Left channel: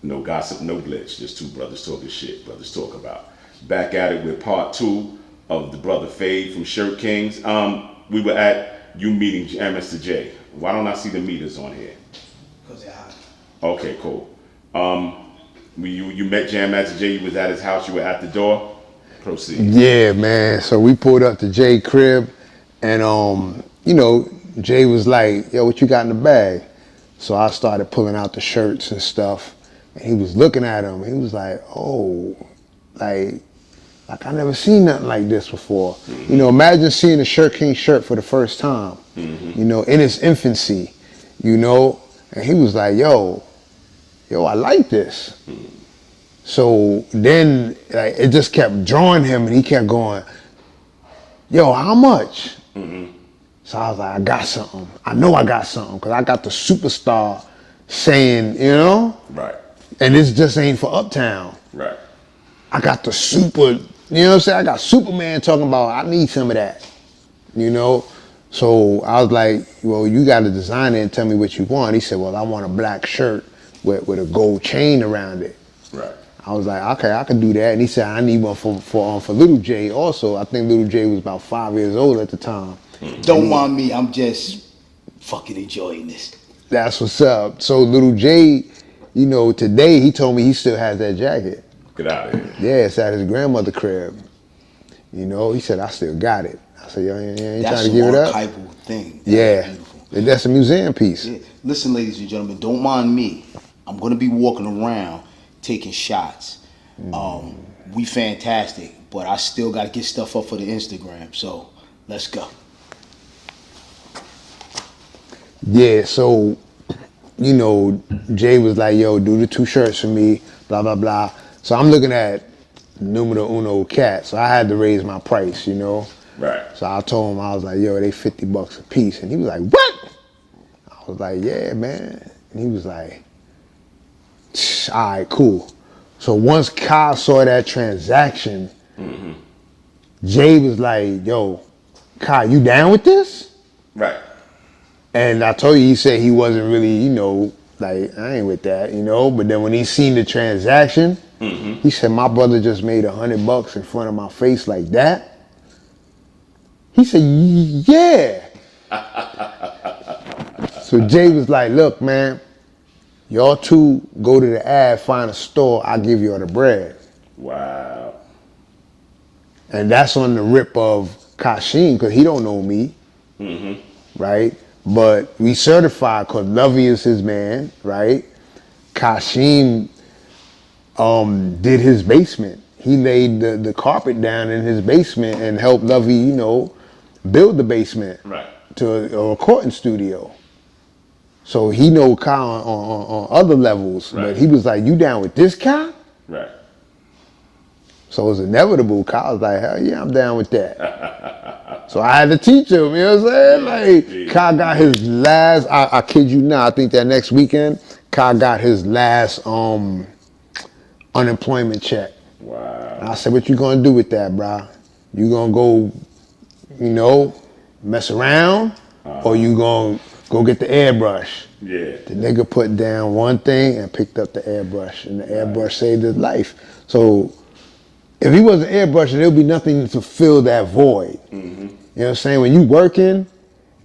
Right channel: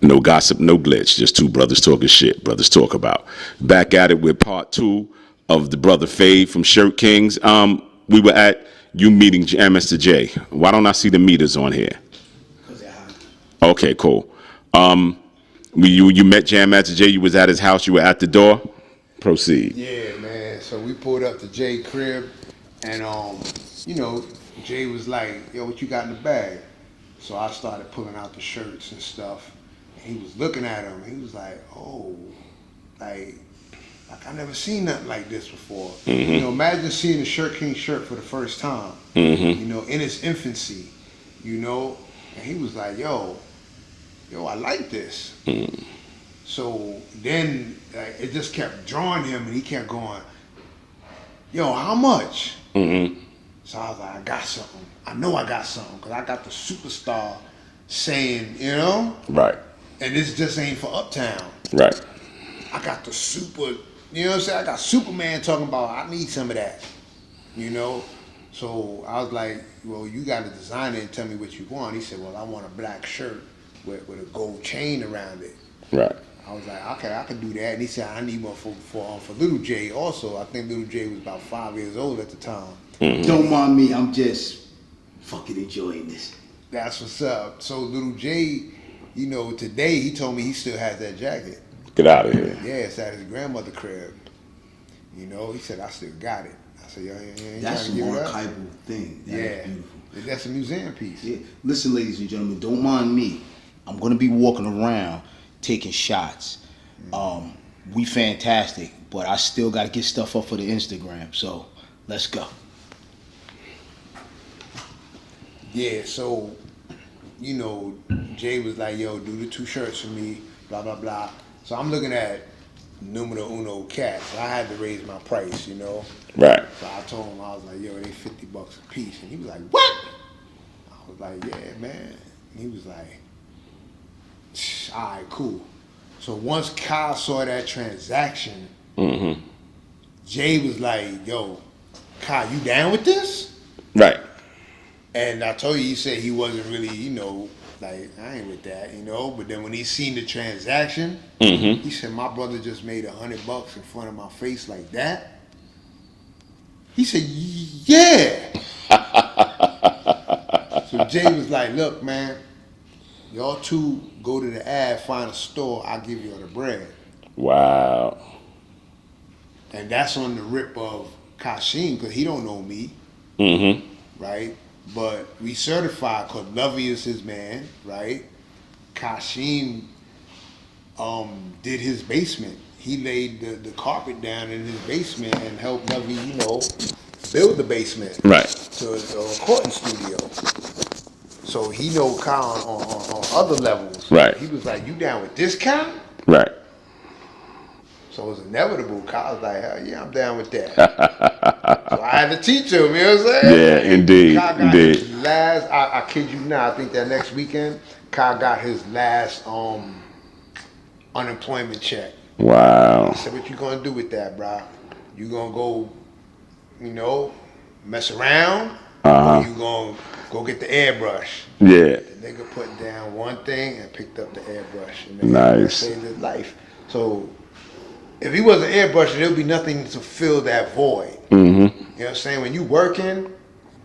No gossip, no glitch. Just two brothers talking shit. Brothers talk about. Back at it with part 2 of the brother Phade from Shirt Kings. We were at you meeting Mr. J. Why don't I see the meters on here? Because they're hot. Okay, cool. You met Jam Master Jay. You was at his house. You were at the door. Proceed. Yeah, man. So we pulled up to Jay crib, and Jay was like, "Yo, what you got in the bag?" So I started pulling out the shirts and stuff, and he was looking at them. He was like, "Oh, like I never seen nothing like this before." Mm-hmm. Imagine seeing a Shirt King shirt for the first time. Mm-hmm. In its infancy. And he was like, "Yo, I like this." Mm. So then, it just kept drawing him, and he kept going, "Yo, how much?" Mm-hmm. So I was like, "I got something. I know I got something, because I got the superstar saying, Right. and this just ain't for Uptown. Right. I got the super, I got Superman talking about, I need some of that, So I was like, "Well, you got to design it and tell me what you want." He said, "Well, I want a black shirt with a gold chain around it." Right. I was like, "Okay, I can do that." And he said, "I need one for Little J also." I think Little J was about 5 years old at the time. Mm-hmm. Don't mind me, I'm just fucking enjoying this. That's what's up. So Little J, today he told me he still has that jacket. Get out of here. Yeah, it's at his grandmother's crib. He said, "I still got it." I said, "Yo, you ain't That's trying to give it up?" That's an archival thing. That's beautiful. That's a museum piece. Yeah. Listen, ladies and gentlemen, don't mind me. I'm gonna be walking around taking shots. We fantastic, but I still gotta get stuff up for the Instagram. So let's go. Yeah, so, Jay was like, "Yo, do the 2 shirts for me, blah, blah, blah." So I'm looking at numero uno cat, so I had to raise my price, Right. So I told him, I was like, "Yo, they $50 a piece." And he was like, "What?" I was like, "Yeah, man." And he was like, "All right, cool." So once Kyle saw that transaction, Mm-hmm. Jay was like, "Yo, Kyle, you down with this?" Right. And I told you, he said he wasn't really, like, "I ain't with that," But then when he seen the transaction, Mm-hmm. he said, "My brother just made $100 in front of my face like that." He said, "Yeah." So Jay was like, "Look, man, y'all 2 go to the ad, find a store, I'll give y'all the bread." Wow. And that's on the rip of Kashim, because he don't know me, Mm-hmm. right? But we certified, because Lovey is his man, right? Kashim did his basement. He laid the carpet down in his basement and helped Lovey, build the basement Right. to a recording studio. So he know Kyle on other levels. Right. But he was like, "You down with this, Kyle?" Right. So it was inevitable. Kyle was like, "Hell yeah, I'm down with that." So I had to teach him, you know what I'm saying? Yeah, Like, indeed. Kyle got Indeed. his last, I kid you not, I think that next weekend, Kyle got his last unemployment check. I Wow. said, "What you gonna do with that, bro? You gonna go, mess around? Or you gonna go get the airbrush?" Yeah. The nigga put down one thing and picked up the airbrush, and the Nice. airbrush saved his life. So if he wasn't airbrushing, there'd be nothing to fill that void. Mm-hmm. You know what I'm saying? When you working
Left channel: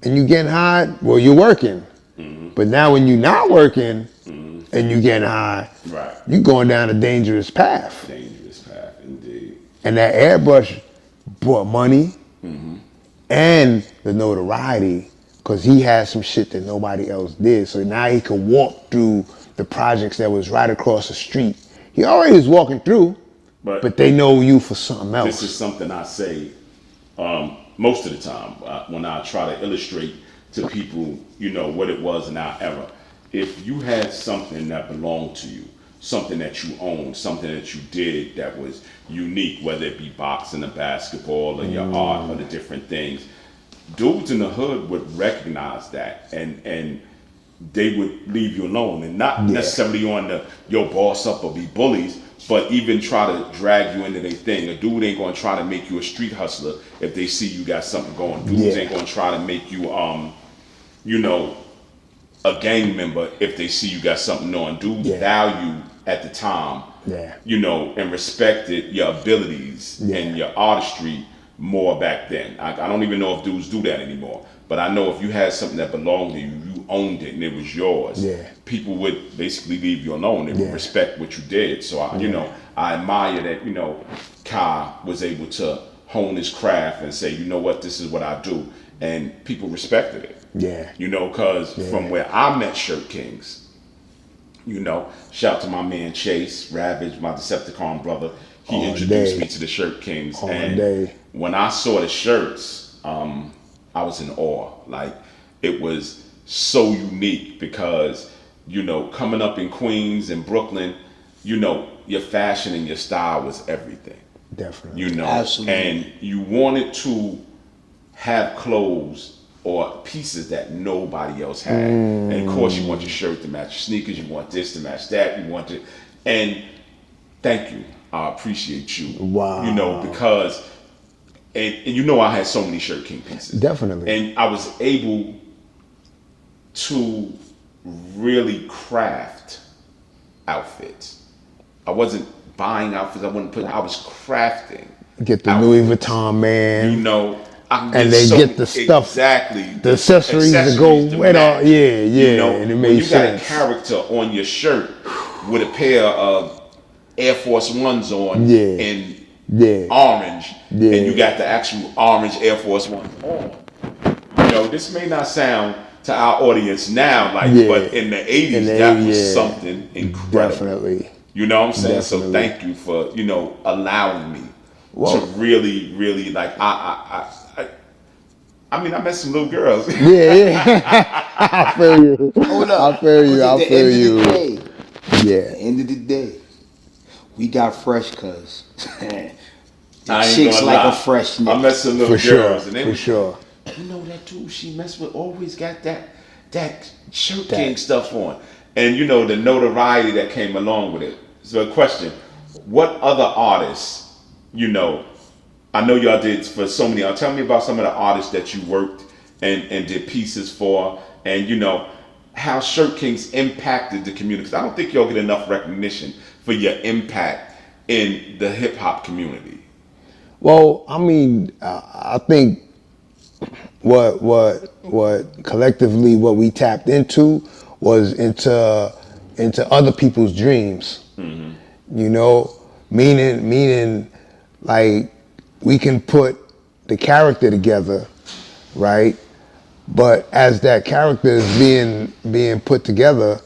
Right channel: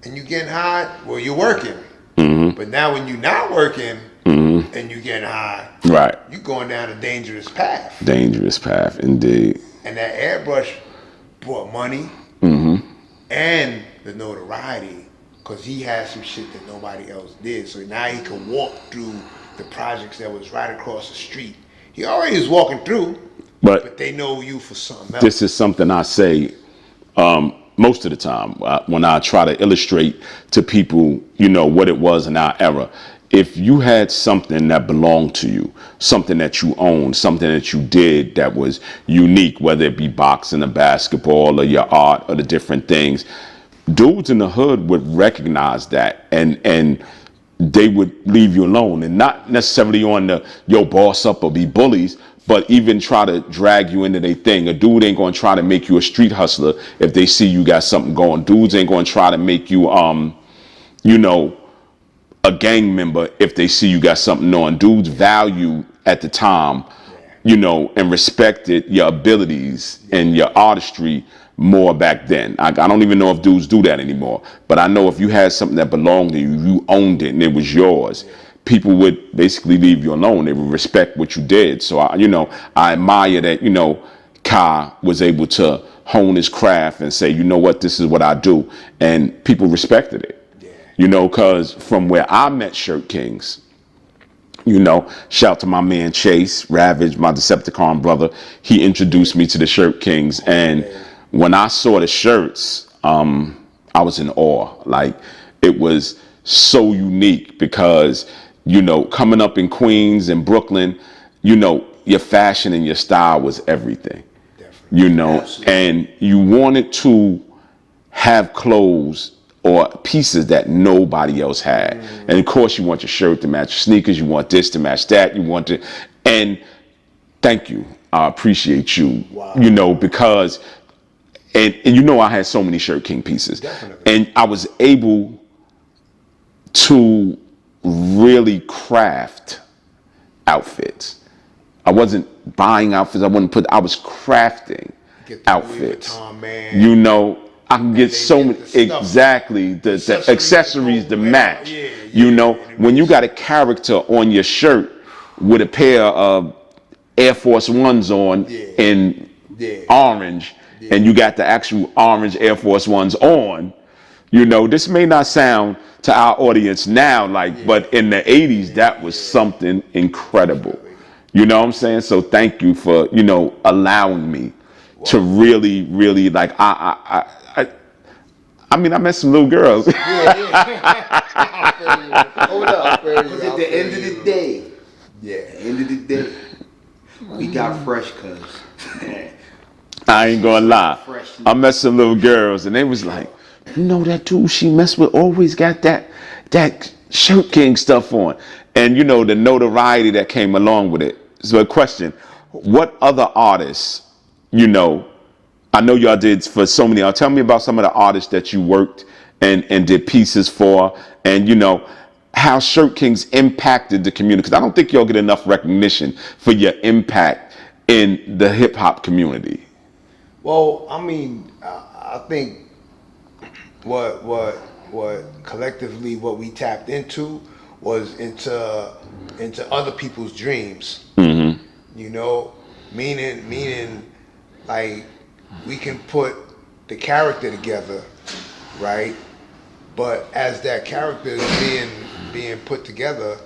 and you getting high, well, you're working. Mm-hmm. But now when you're not working Mm-hmm. and you getting high, Right. you going down a dangerous path. Dangerous path, indeed. And that airbrush brought money Mm-hmm. and the notoriety, because he had some shit that nobody else did. So now he could walk through the projects that was right across the street. He already was walking through, but they know you for something else. This is something I say most of the time when I try to illustrate to people, what it was in our era. If you had something that belonged to you, something that you owned, something that you did that was unique, whether it be boxing or basketball or your art or the different things, dudes in the hood would recognize that and they would leave you alone, and not necessarily on the yo boss up or be bullies, but even try to drag you into their thing. A dude ain't gonna try to make you a street hustler if they see you got something going. Dudes ain't gonna try to make you a gang member if they see you got something on. Dudes value at the time, you know, and respected your abilities and your artistry more back then. I don't even know if dudes do that anymore, but I know if you had something that belonged to you, you owned it and it was yours. People would basically leave you alone. They would respect what you did. So I admire that, you know, Kai was able to hone his craft and say, you know what, this is what I do, and people respected it. You know, because from where I met Shirt Kings, you know, shout to my man Chase Ravage, my Decepticon brother. He introduced me to the Shirt Kings, and when I saw the shirts, I was in awe. Like, it was so unique because, you know, coming up in Queens and Brooklyn, you know, your fashion and your style was everything. Definitely. You know, Absolutely. and you wanted to have clothes or pieces that nobody else had. And of course you want your shirt to match your sneakers, you want this to match that, you want to, and thank you. I appreciate you. Wow. You know, because, and you know I had so many Shirt King pieces. Definitely. And I was able to really craft outfits. I wasn't buying outfits, I was crafting Get the outfits. Louis Vuitton, man. You know, I can get they so get the stuff, exactly the accessories to go to with match. all- yeah, You yeah, know, and it when you makes got a sense. character on your shirt with a pair of Air Force Ones on in orange, and you got the actual orange Air Force Ones on, you know, this may not sound to our audience now like, but in the 80s, that was something incredible. Definitely. You know what I'm saying? So thank you for, you know, allowing me to really, really, like, I mean, I met some little girls. I feel you. Hold up. I feel you. Because I at the feel end you. of the day, Yeah. end of the day, we got fresh, cuz. I ain't Chicks gonna like lie. a fresh I met some little For girls, sure, and they for was sure. like, you know, that dude she messed with always got that Shirt King stuff on. And you know, the notoriety that came along with it. So a question, what other artists, you know, I know y'all did for so many, tell me about some of the artists that you worked and did pieces for, and you know, how Shirt Kings impacted the community. Because I don't think y'all get enough recognition for your impact in the hip hop community. Well, I mean, I think what collectively what we tapped into was into other people's dreams. You know, meaning like we can put the character together, right? But as that character is being put together,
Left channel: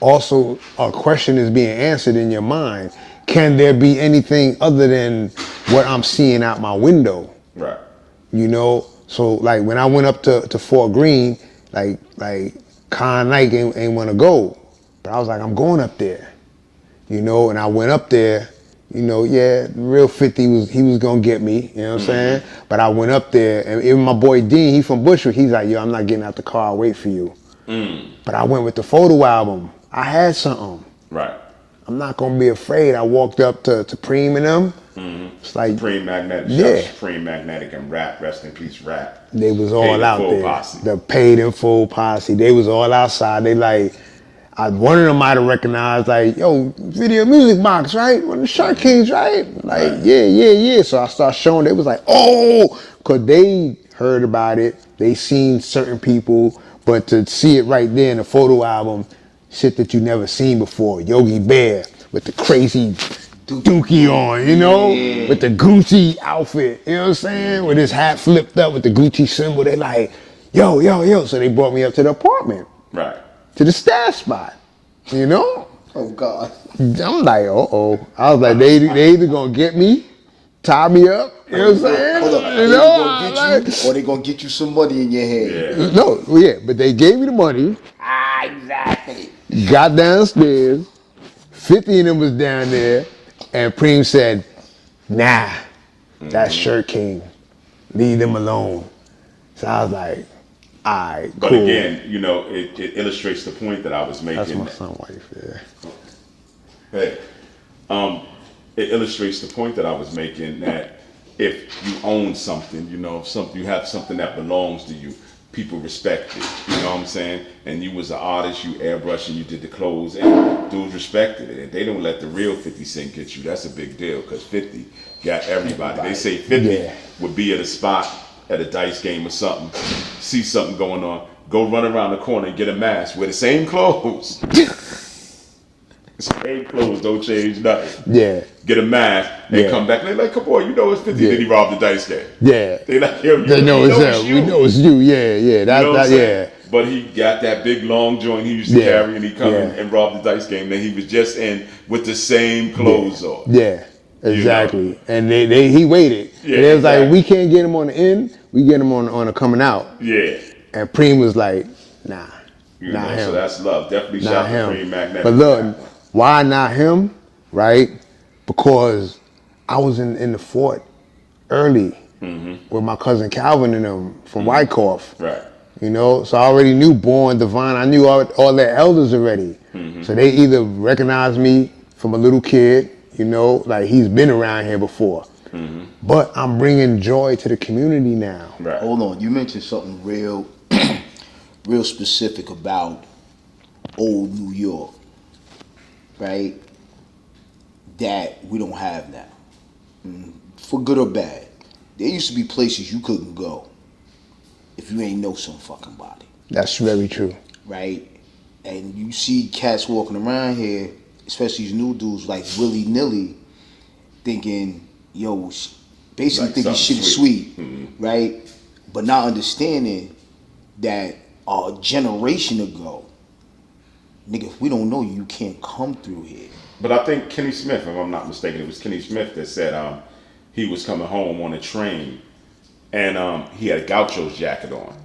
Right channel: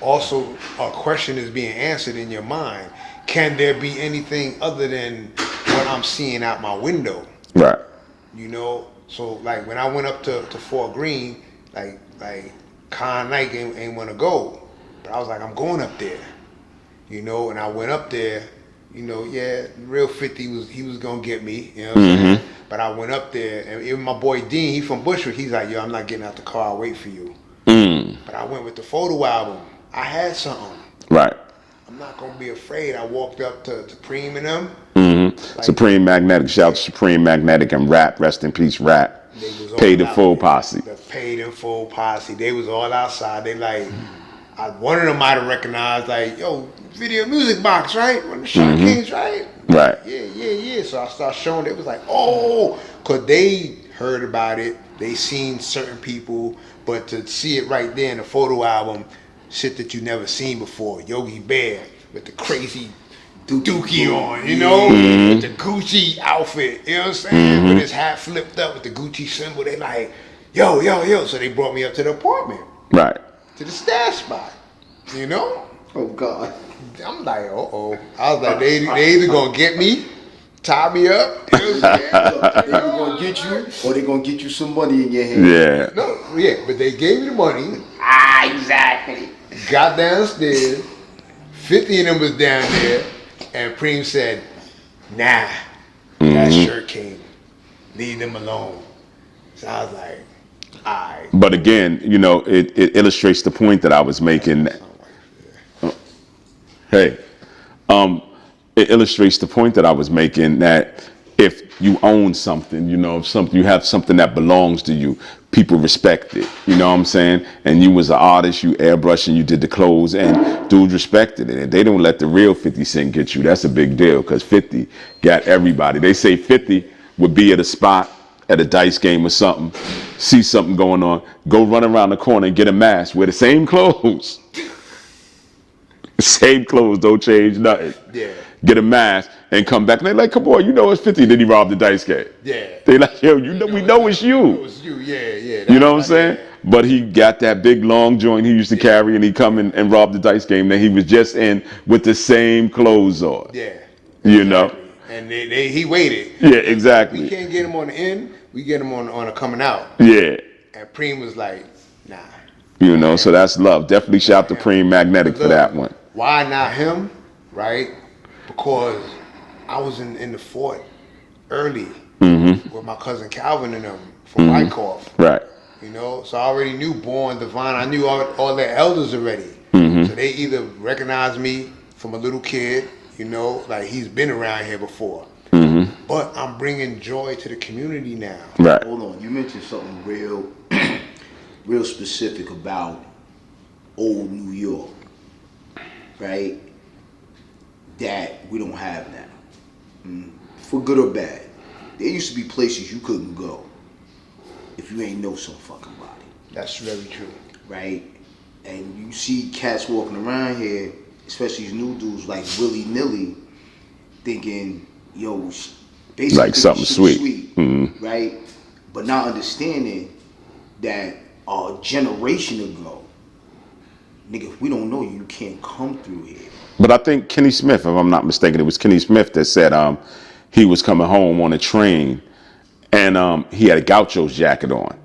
also a question is being answered in your mind. Can there be anything other than what I'm seeing out my window? Right. You know, so like when I went up to Fort Greene, like Con Knight ain't want to go, but I was like, I'm going up there, you know, and I went up there, you know, real 50 he was gonna get me, you know what I'm saying? But I went up there, and even my boy Dean, he from Bushwick, he's like, yo, I'm not getting out the car, I'll wait for you. But I went with the photo album. I had something. Right. I'm not gonna be afraid. I walked up to Preem and them. Like, Supreme Magnetic. Shout out to Yeah. Supreme Magnetic and Rap. Rest in peace, Rap. They was all Paid in out full there. posse. The paid in full posse. They was all outside. They like, one of them might have recognized like, yo, Video Music Box, right? One of the Shirt Kings, right? Like, Right. Yeah. So I started showing. They was like, oh, cause they heard about it. They seen certain people, but to see it right there in the photo album, shit that you never seen before. Yogi Bear with the crazy dookie on, you know, with the Gucci outfit, you know what I'm saying? With his hat flipped up with the Gucci symbol. They like, yo. So they brought me up to the apartment, Right. to the stash spot, you know? Oh, God. I'm like, uh-oh. I was like, they either gonna get me, tie me up, you know what I'm saying? Hold up. They You either know? gonna get you, or they gonna get you some money in your hand. Yeah. No, but they gave me the money, Exactly. got downstairs, 50 of them was down there, and Preem said, nah, that's Shirt King. Leave them alone. So I was like, all right, But cool. again, you know, it illustrates the point that I was That's making. my son wife, yeah. Hey, it illustrates the point that I was making that if you own something, you know, if you have something that belongs to you, people respect it. You know what I'm saying? And you was an artist, you airbrushing, you did the clothes, and dudes respected it. And they don't let the real 50 Cent get you. That's a big deal, because 50 got everybody. They say 50 would be at a spot, at a dice game or something, see something going on, go run around the corner and get a mask, wear the same clothes. Same clothes, don't change nothing. Yeah. Get a mask and come back. They like, come on, you know it's 50. Then he robbed the dice game. Yeah. They like, yo, you know it's you. We know it's you. Yeah, yeah. You know what I'm saying? Yeah. But he got that big long joint he used to carry, and he come in and robbed the dice game that he was just in with the same clothes on. Yeah. Exactly. You know? And he waited. Yeah, and they was exactly. like, we can't get him on the end, we get him on the coming out. Yeah. And Preem was like, nah. You know, so that's love. Definitely shout to Preem Magnetic for that one. Why not him? Right? Because I was in the fort early with my cousin Calvin and them from Wyckoff. Right. You know, so I already knew Born, Divine. I knew all their elders already. So they either recognized me from a little kid, you know, like he's been around here before. But I'm bringing joy to the community now. Right. Hold on, you mentioned something real, real specific about old New York, right? That we don't have now, for good or bad. There used to be places you couldn't go if you ain't know some fucking body. That's very true. Right? And you see cats walking around here, especially these new dudes, like willy-nilly, thinking, yo, basically like thinking something shit sweet. Is sweet, right? But not understanding that a generation ago, nigga, if we don't know you, you can't come through here. But I think Kenny Smith, if I'm not mistaken, it was Kenny Smith that said he was coming home on a train and he had a Gaucho's jacket on.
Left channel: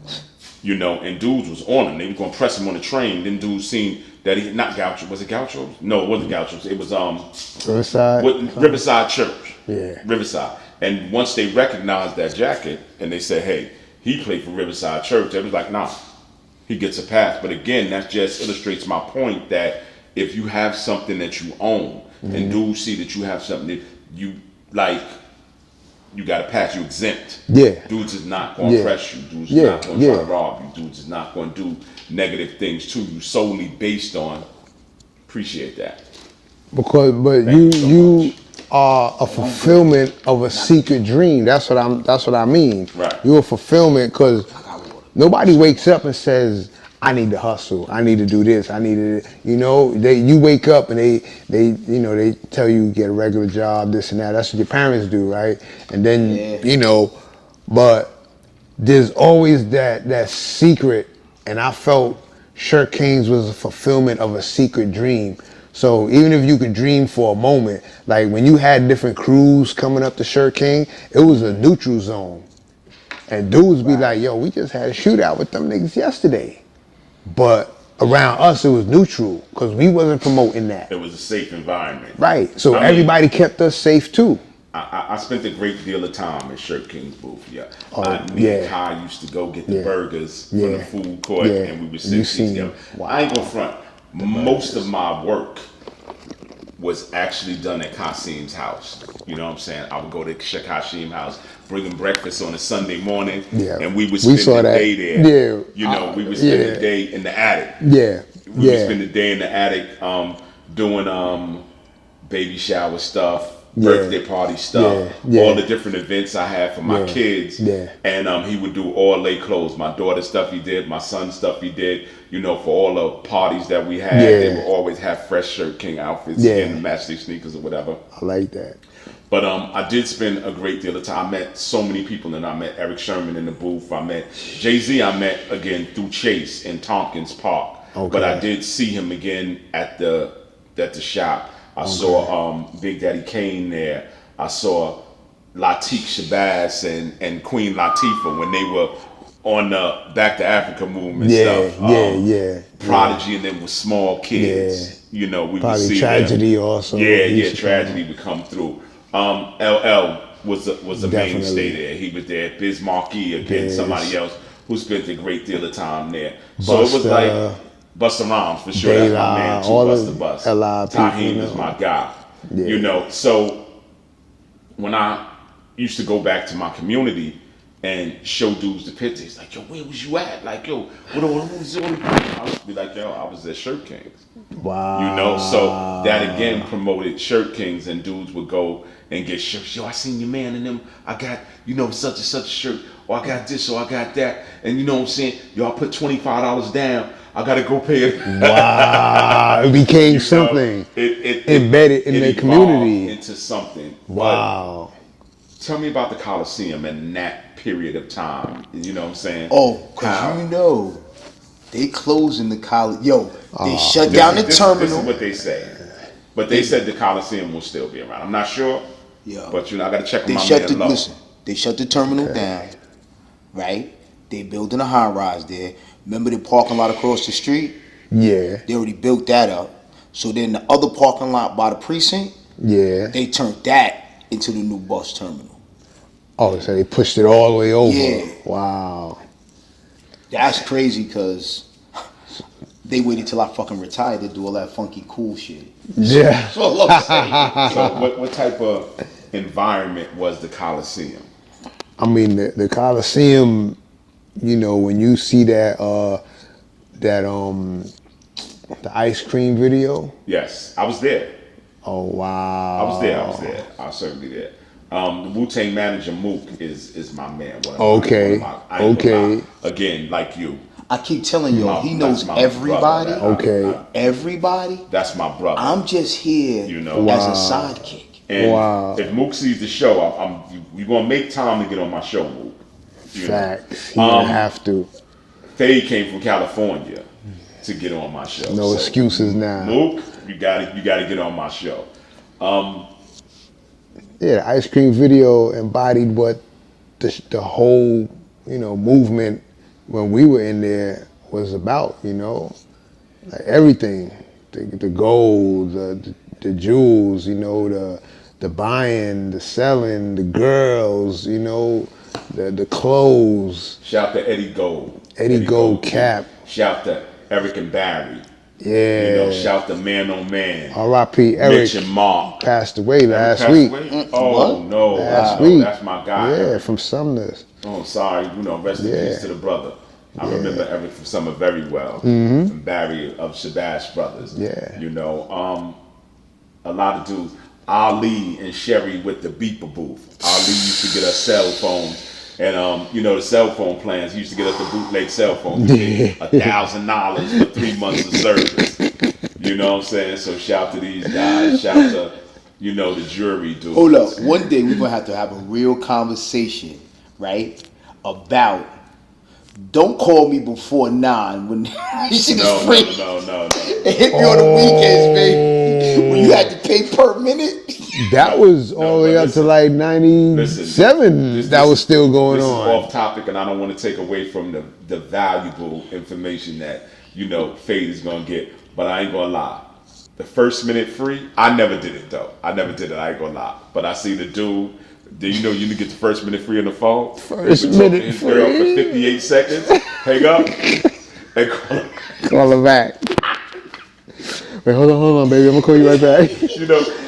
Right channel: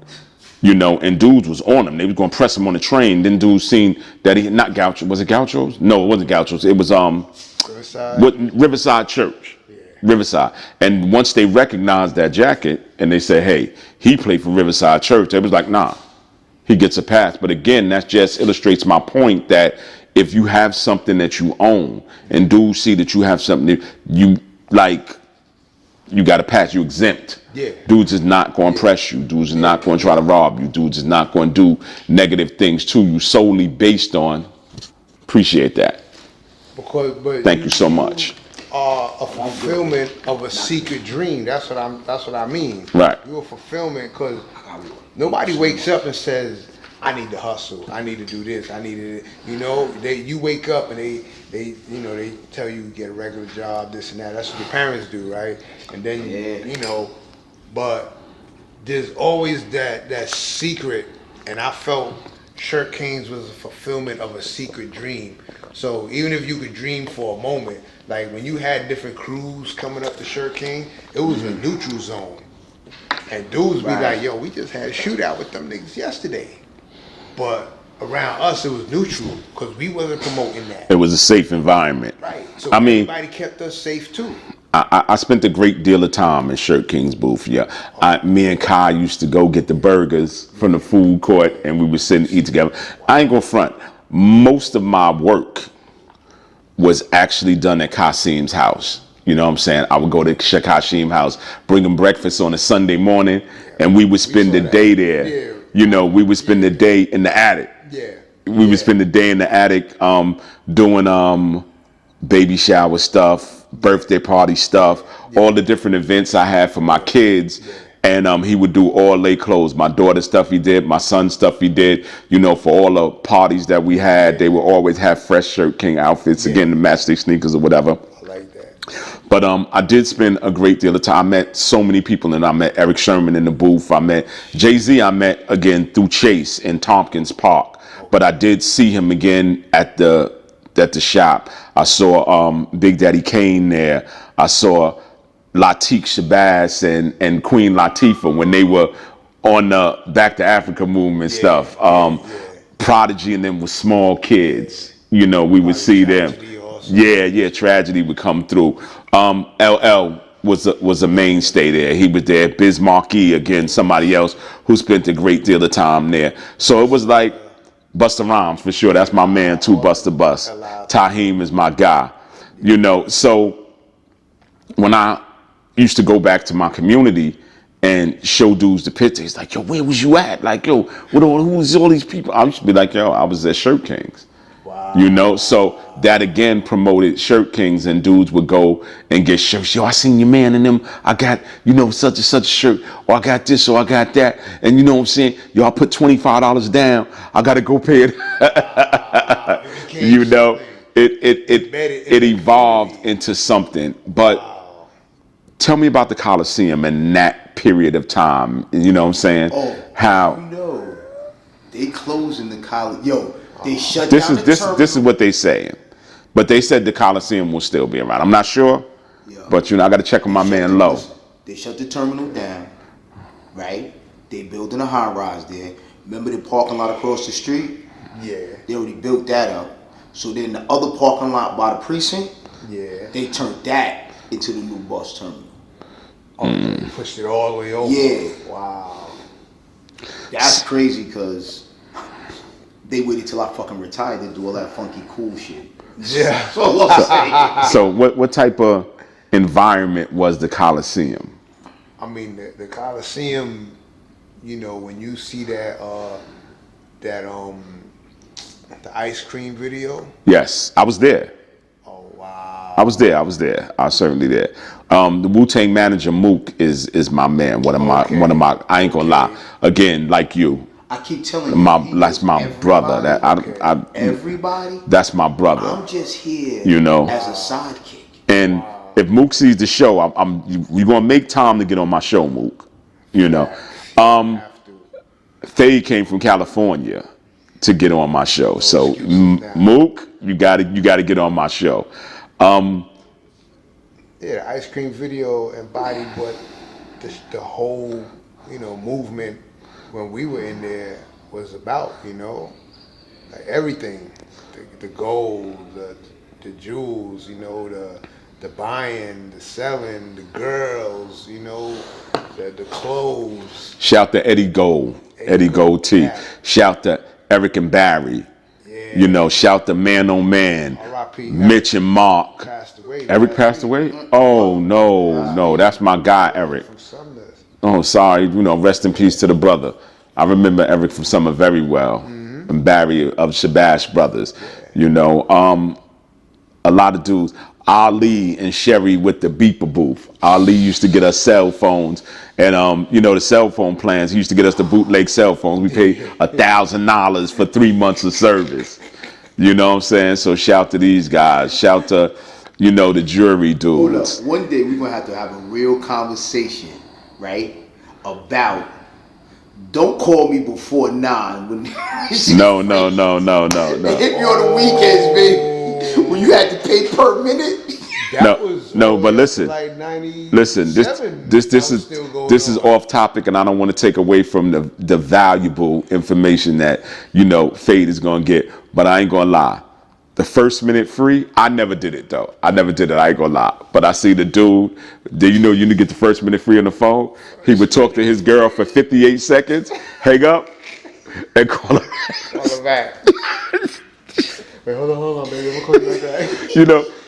You know, and dudes was on him. They was gonna press him on the train. Then dudes seen that he not Gaucho. Was it Gauchos? No, it wasn't Gauchos. It was Riverside Church. Yeah. Riverside. And once they recognized that jacket and they said, hey, he played for Riverside Church, it was like, nah, he gets a pass. But again, that just illustrates my point that if you have something that you own and dudes see that you have something that you like, you got a pass, you exempt. Yeah. Dudes is not going to press you. Dudes is not going to try to rob you. Dudes is not going to do negative things to you solely based on, appreciate that. Thank you so much. Are a fulfillment of a secret dream. That's what I mean. Right. You're a fulfillment because nobody wakes up and says, I need to hustle. I need to do this. I need to, you know, you wake up and they tell you get a regular job, this and that. That's what your parents do, right? And then, you know, but there's always that secret. And I felt Shirt Kings was a fulfillment of a secret dream. So even if you could dream for a moment, like when you had different crews coming up to Shirt King, it was a neutral zone. And dudes be like, yo, we just had a shootout with them niggas yesterday. But around us, it was neutral because we wasn't promoting that. It was a safe environment. Right. So everybody kept us safe too. I spent a great deal of time in Shirt King's booth. Yeah. Me and Kai used to go get the burgers from the food court and we would sit and eat together. Wow. I ain't gonna front. Most of my work was actually done at Kasim's house. You know what I'm saying? I would go to Kasim's house, bring him breakfast on a Sunday morning, and we would spend the day there. Yeah. You know, we would spend the day in the attic. Yeah. We would spend the day in the attic doing baby shower stuff, birthday party stuff, all the different events I had for my kids. Yeah. And he would do all lay clothes. My daughter's stuff he did, my son's stuff he did. You know, for all the parties that we had, they would always have fresh Shirt King outfits, again, the matchstick sneakers or whatever. I like that. But I did spend a great deal of time. I met so many people, and I met Eric Sherman in the booth. I met Jay-Z. I met again through Chase in Tompkins Park. Okay. But I did see him again at the shop. I saw Big Daddy Kane there. I saw Latif Shabazz and Queen Latifah when they were on the Back to Africa movement stuff. Prodigy and them with small kids. You know, we would see Tragedy them. Also. Tragedy would come through. LL was a mainstay there. He was there. Biz Markie, again, somebody else who spent a great deal of time there. So it was like Busta Rhymes for sure. That's my man too, Busta Bust. Taheem is my guy. You know, so when I used to go back to my community and show dudes the picture. He's like, yo, where was you at? Like, yo, who was all these people? I used to be like, yo, I was at Shirt Kings. Wow. You know, so that again promoted Shirt Kings, and dudes would go and get shirts. Yo, I seen your man in them. I got, such and such a shirt, or I got this, or I got that. And you know what I'm saying? Yo, I put $25 down. I got to go pay it. Wow. It became something. It embedded in the evolved community. into something. But Wow. tell me about the Coliseum and that period of time. You know what I'm saying? Oh, how you know, they closing the college. Yo, they shut down the terminal. This is what they saying. But they said the Coliseum will still be around. I'm not sure. Yeah. But I got to check on my man Low. Listen, they shut the terminal down, right? They building a high rise there. Remember the parking lot across the street? Yeah. They already built that up. So then the other parking lot by the precinct, Yeah. they turned that into the new bus terminal. Oh, so they pushed it all the way over. Yeah. Wow. That's crazy because they waited till I fucking retired to do all that funky cool shit. Yeah. That's all I'm saying. So what type of environment was the Coliseum? I mean, the Coliseum, when you see the ice cream video. Yes, I was there. Oh, wow. I was there. I was certainly there. The Wu-Tang manager Mook is my man. One of my. I ain't gonna lie. Again, like you. I keep telling you, he knows my everybody. brother. Everybody. That's my brother. I'm just here, as a sidekick. And if Mook sees the show, we gonna make time to get on my show, Mook. You know, you have to. Phade came from California to get on my show. No so excuses now. Mook, you gotta get on my show. The ice cream video embodied what the whole, movement when we were in there was about, like everything, the gold, the jewels, the buying, the selling, the girls, the clothes. Shout to Eddie Gold, Eddie Gold T. Shout to Eric and Barry. Yeah. Shout to Man on Man. R.I.P. Mitch and Mark. Passed away Eric last passed week. away? Oh, no, that's my guy, Eric. From Sumner's. Oh, sorry, rest in peace to the brother. I remember Eric from Summer very well, and Barry of Shabash Brothers. Yeah. A lot of dudes. Ali and Sherry with the beeper booth. Ali used to get us cell phones. And the cell phone plans, he used to get us the bootleg cell phone. We paid $1,000 for 3 months of service. You know what I'm saying? So shout to these guys. Shout to, the jury dudes. Hold up. One day we're going to have a real conversation, right? About, don't call me before 9 when No. Hit me on the weekends, baby. When you had to pay per minute. That was all the way up to like 97. This was still going on. This is off topic, and I don't want to take away from the valuable information that Phade is gonna get. But I ain't gonna lie, the first minute free, I never did it though. I ain't gonna lie. But I see the dude. You get the first minute free on the phone. He would talk to his girl for 58 seconds, hang up, and call her. Call her back. Wait, hold on, baby. I'm gonna call you right back.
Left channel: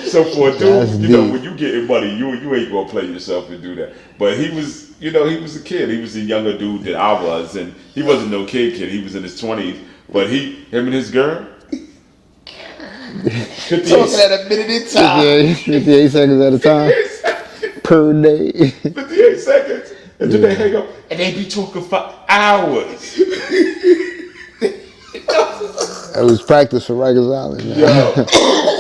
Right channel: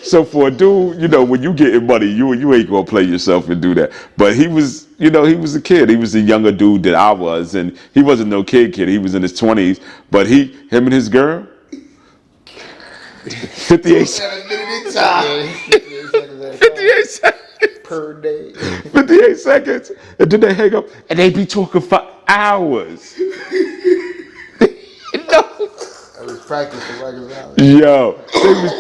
So for a dude, when you getting money, you ain't gonna play yourself and do that. But he was, he was a kid. He was a younger dude than I was, and he wasn't no kid. He was in his 20s. But him and his girl, 58 at a minute in time. 58 seconds at a time. 58 seconds Per day. 58 seconds, and then they hang up, and they be talking for hours. It was practice for Rikers Island. Yo,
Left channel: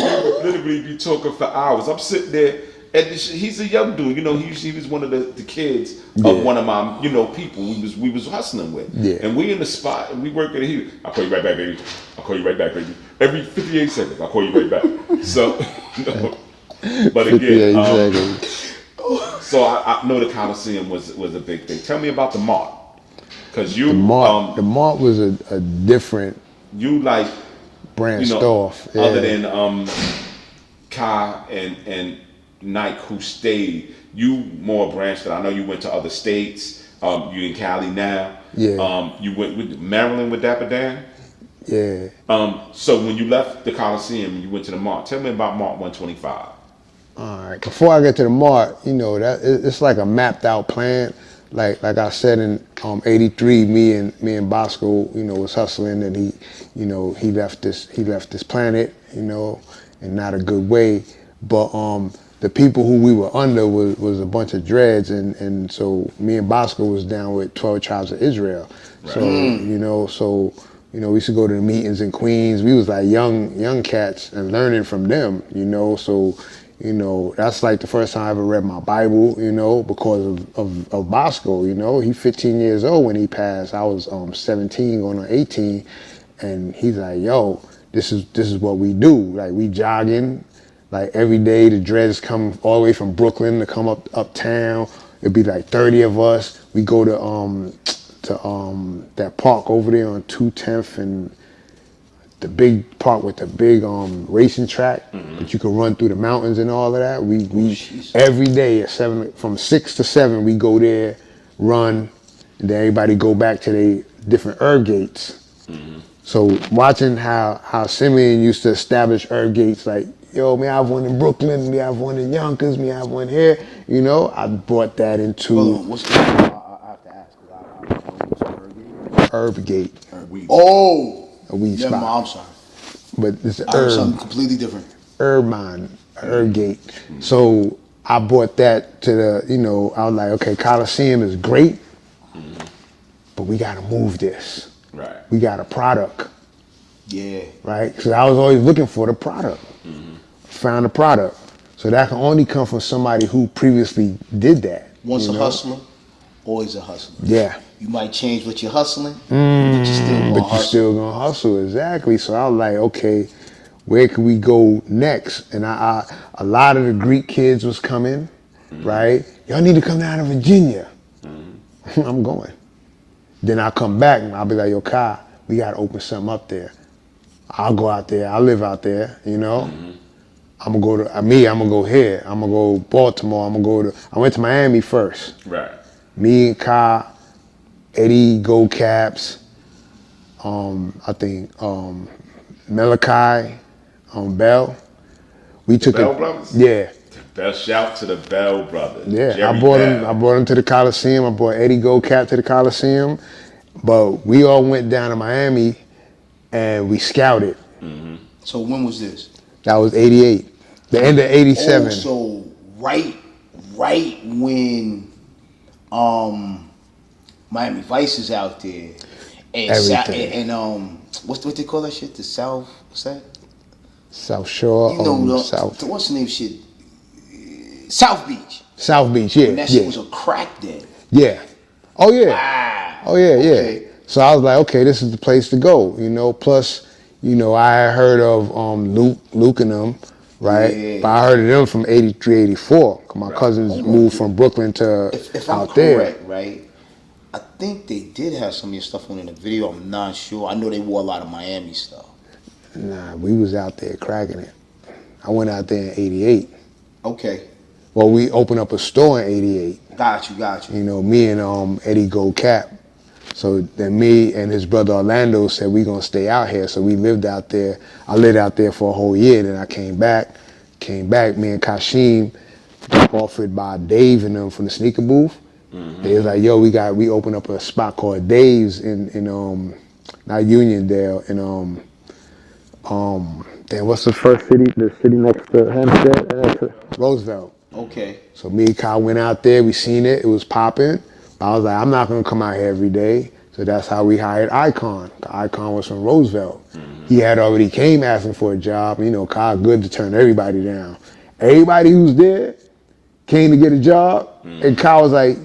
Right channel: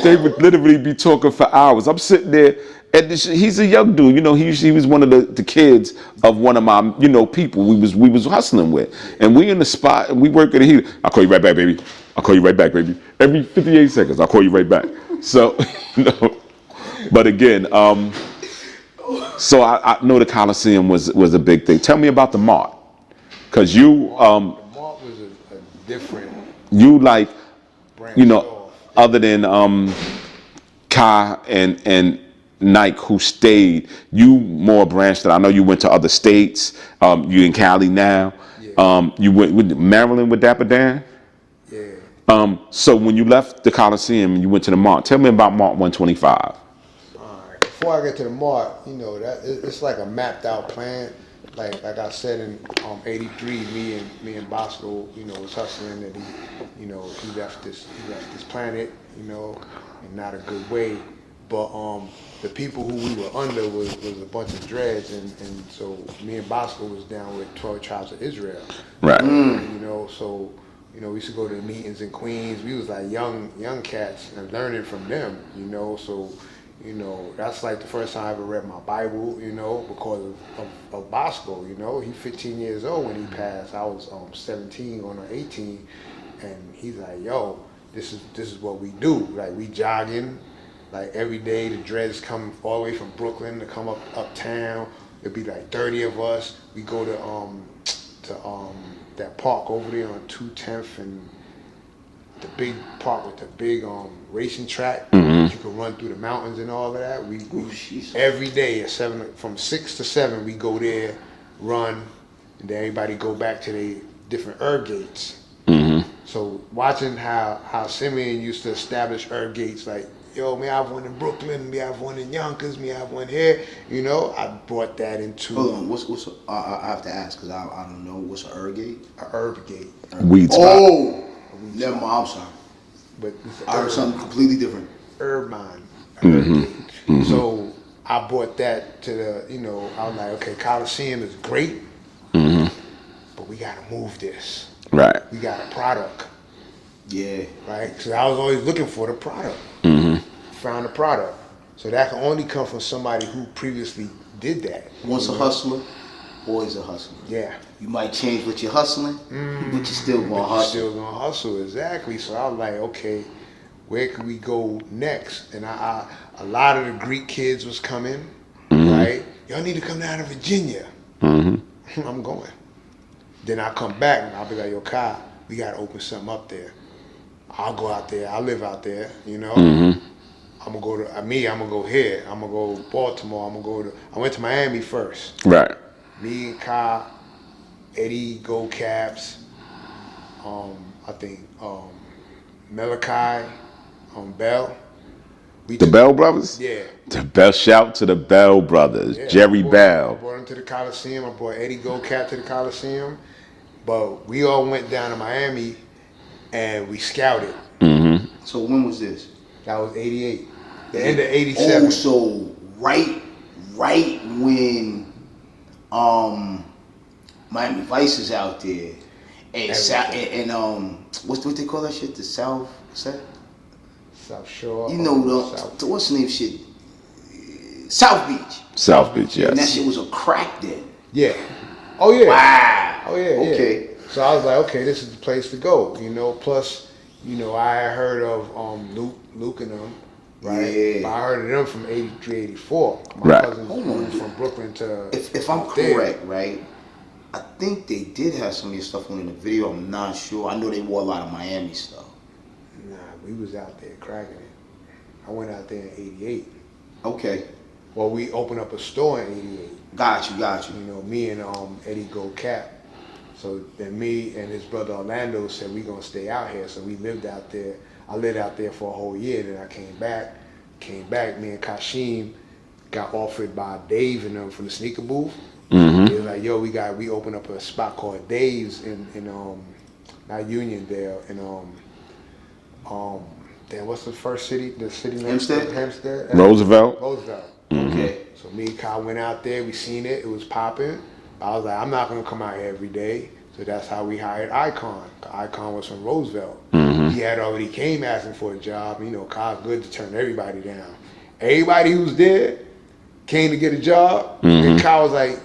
they would literally be talking for hours. I'm sitting there, and he's a young dude. He was one of the kids of one of my people we was hustling with. Yeah. And we in the spot, and we work at a heater. I'll call you right back, baby. I'll call you right back, baby. Every 58 seconds, I'll call you right back. So, but again, so I know the Coliseum was a big thing. Tell me about the Mart, because the Mart was a different. You like branched off. Yeah. Other than Kai and Nike, who stayed, you more branched. I know you went to other states. You in Cali now. Yeah. You went with Maryland with Dapper Dan. Yeah. So when you left the Coliseum and you went to the Mart, tell me about Mart 125. All right. Before I get to the mark, you know that it's like a mapped out plan. Like I said in '83, me and Bosco, you know, was hustling, and he left this planet, you know, in not a good way. But the people who we were under was a bunch of dreads, and so me and Bosco was down with 12 Tribes of Israel. Right. So, we used to go to the meetings in Queens. We was like young cats and learning from them, you know. So, you know, that's like the first time I ever read my Bible, you know, because of Bosco, you know. He 15 years old when he passed. I was 17 going on 18, and he's like, yo, this is what we do. Like, we jogging, like every day. The dreads come all the way from Brooklyn to come uptown. It'd be like 30 of us. We go to that park over there on 210th and the big park with the big racing track. You could run through the mountains and all of that. We every day at from 6 to 7 we go there, run, and then everybody go back to their different herb gates. So watching how Simeon used to establish herb gates, like, yo, me have one in Brooklyn, me have one in Yonkers, me have one here, you know, I brought that into Hold on, what's the, I have to ask because I don't know what's a herb gate. herb gate. Weed spot. Oh, A weed never spot. mind. I'm sorry. But it's I heard herb. something completely different. Herb gate. So I brought that to the, you know, I was like, okay, Coliseum is great, but we gotta move this. Right. We got a product, Yeah. right? Because I was always looking for the product. Found the product. So that can only come from somebody who previously did that. Once you a know? hustler, always a hustler. Yeah. You might change what you're hustling, but you still gonna But you hustle. still gonna hustle, exactly. So I was like, okay, where can we go next? And a lot of the Greek kids was coming, right? Y'all need to come down to Virginia. I'm going. Then I'll come back and I'll be like, yo, Kai, we gotta open something up there. I'll go out there, I'll live out there, you know? I'm gonna go to, I'm gonna go here. I'm gonna go Baltimore, I went to Miami first. Right. Me and Kai, Eddie Gold Caps, I think Malachi, Bell. We The took Bell Brothers? Yeah, The best shout to the Bell Brothers. yeah. Jerry I Bell. brought him to the Coliseum. I brought Eddie Gold Cap to the Coliseum. But we all went down to Miami and we scouted. So when was this? That was '88, the end of '87. Oh, so right when Miami Vice is out there, and Everything. what they call that shit? The South, what's that? South Shore, You know, South what's the name shit? South Beach. South Beach, yes, And that yeah. shit was a crack den. Yeah. Oh yeah. Wow. Oh yeah, yeah. Okay. So I was like, okay, this is the place to go, you know. Plus, you know, I had heard of Luke and them, right? Yeah. But I heard of them from '83, '84. My Right. cousins moved from Brooklyn to If I'm out there. correct, right? I think they did have some of your stuff on in the video. I'm not sure. I know they wore a lot of Miami stuff. Nah, we was out there cracking it. I went out there in '88. Okay. Well, we opened up a store in '88. Got you. You know, me and Eddie Gold Cap. So then me and his brother Orlando said we gonna stay out here. So we lived out there. I lived out there for a whole year. Then I came back. Me and Kashim got offered by Dave and them from the sneaker booth. It was like, yo, we opened up a spot called Dave's in not Uniondale damn, what's the first city? The city next to Hempstead? Roosevelt. Roosevelt. Okay. So me and Kyle went out there, we seen it was popping. I was like, I'm not gonna come out here every day. So that's how we hired Icon. Icon was from Roosevelt. He had already came asking for a job. You know, Kyle good to turn everybody down. Everybody who's there came to get a job. And Kyle was like,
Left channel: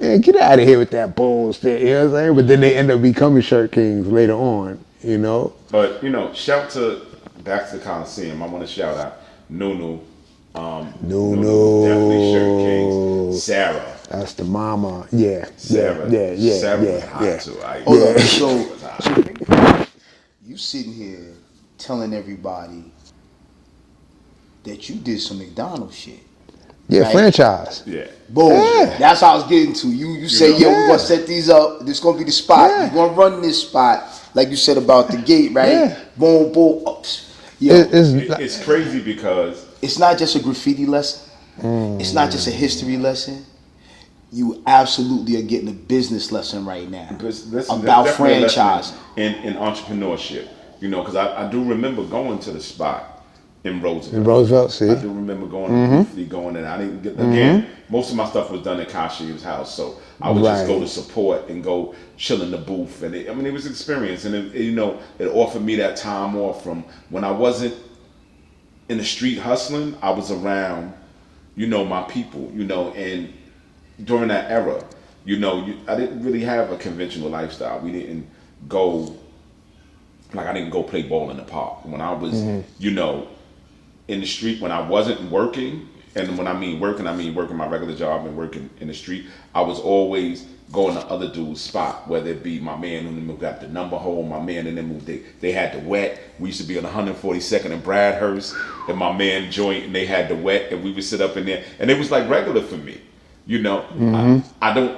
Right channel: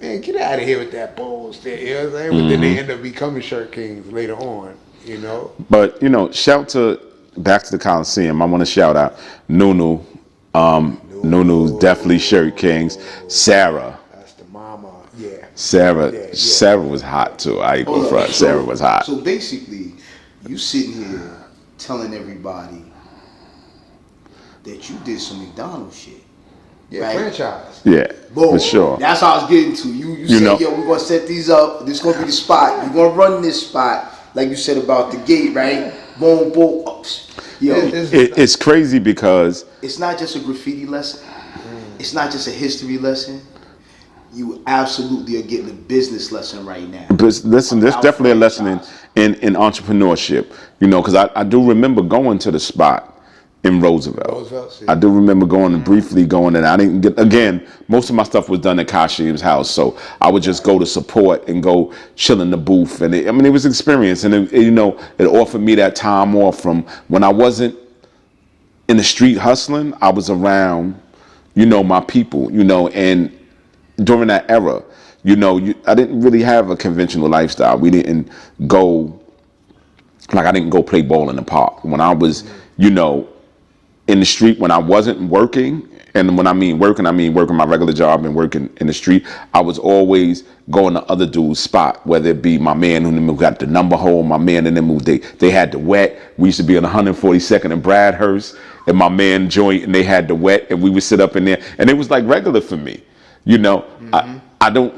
man, get out of here with that bullshit. You know what I'm saying? But then they end up becoming Shirt Kings later on, you know? But, you know, back to the Coliseum, I want to shout out Nunu. Nunu, definitely Shirt Kings. Sarah. That's the mama. Yeah. Sarah. Yeah, Sarah yeah, was hot yeah. too. I agree. Okay, Sarah was hot. So basically, you sitting here telling everybody that you did some McDonald's shit. Yeah, Right. franchise. Yeah. Boom. Sure. That's how I was getting to. You said, know. yo, we're gonna set these up. This gonna be the spot. Yeah. You're gonna run this spot, like you said about the gate, right? Yeah. Boom, boom. Oh, yo, It's It's crazy because it's not just a graffiti lesson. It's not just a history lesson. You absolutely are getting a business lesson right now. But listen, there's About definitely a lesson franchising. in entrepreneurship. You know, because I do remember going to the spot in Roosevelt. Roosevelt, see? I do remember going briefly going in. I didn't get again. Most of my stuff was done at Kashim's house, so I would just go Right. to support and go chill in the booth. And it was experience, and it offered me that time off from when I wasn't in the street hustling. I was around, my people, and during that era, I didn't really have a conventional lifestyle. We didn't go, I didn't go play ball in the park. When I was, in the street, when I wasn't working, and when I mean working my regular job and working in the street, I was always going to other dudes' spot, whether it be my man who got the number hole, my man and them who they had the wet. We used to be on 142nd and Bradhurst, and my man joint, and they had the wet, and we would sit up in there, and it was like regular for me. I don't,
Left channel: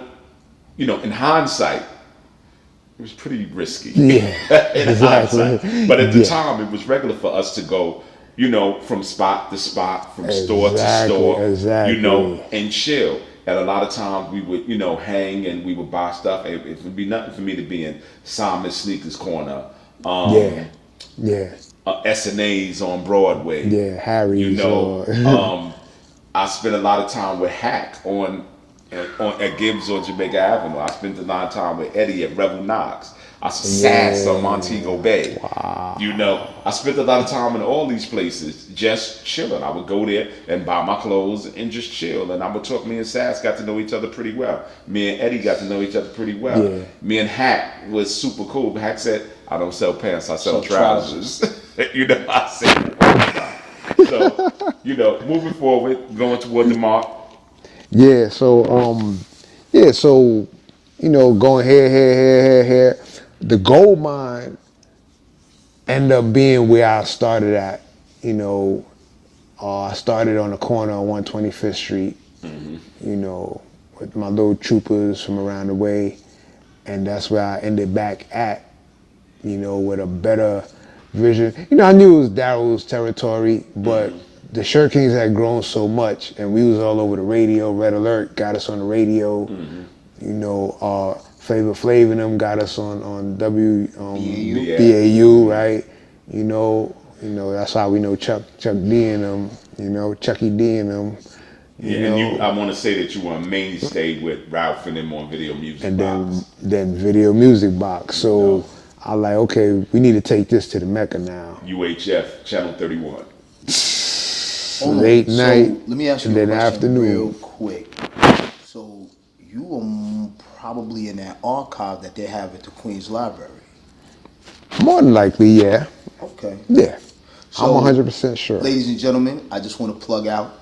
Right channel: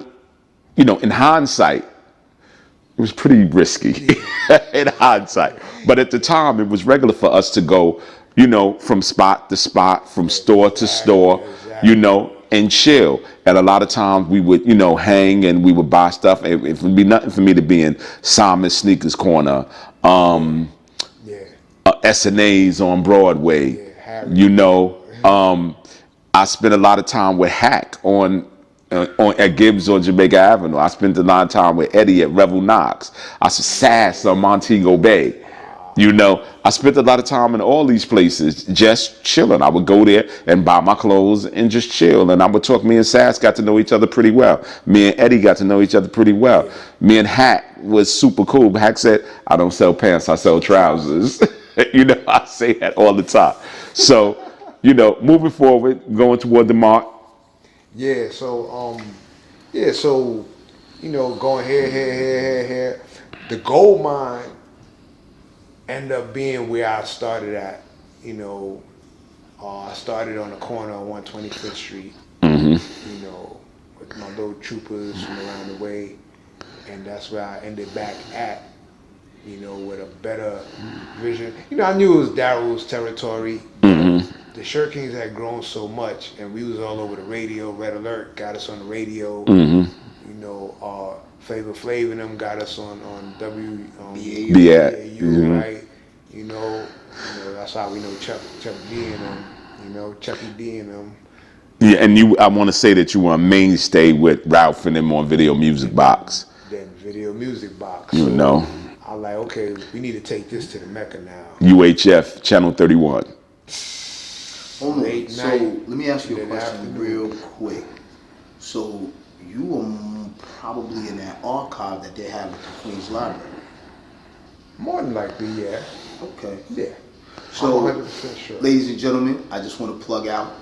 in hindsight, it was pretty risky in hindsight. But at the time, it was regular for us to go, from spot to spot, from store to store, and chill. And a lot of times we would, hang and we would buy stuff. It would be nothing for me to be in Simon's Sneakers Corner, S&A's on Broadway. Yeah, Harry's. I spent a lot of time with Hack at Gibbs on Jamaica Avenue. I spent a lot of time with Eddie at Rebel Knox. I Sass on Montego Bay. Wow. I spent a lot of time in all these places just chilling. I would go there and buy my clothes and just chill. And I would talk. Me and Sass got to know each other pretty well. Me and Eddie got to know each other pretty well. Yeah. Me and Hack was super cool. Hack said, I don't sell pants, I sell trousers. I say that all the time. So, moving forward, going toward the mark. Yeah, so going here. The gold mine ended up being where I started at. I started on the corner on 125th Street. With my little troopers from around the way, and that's where I ended back at. With a better vision. I knew it was Daryl's territory, but the Shirt Kings had grown so much, and we was all over the radio. Red Alert got us on the radio. Flavor Flav and them got us on BAU, right? That's how we know Chuck D and them. Chucky D and them. Yeah, and I want to say that you were a mainstay with Ralph and them on Video Music Box. Then Video Music Box. So I like, okay, we need to take this to the Mecca now. UHF, Channel 31. Late night, let me ask you and then a question afternoon. real quick. So you were probably in that archive that they have at the Queen's Library. More than likely, yeah. Okay. Yeah. So, I'm 100% sure. Ladies and gentlemen, I just want to plug out.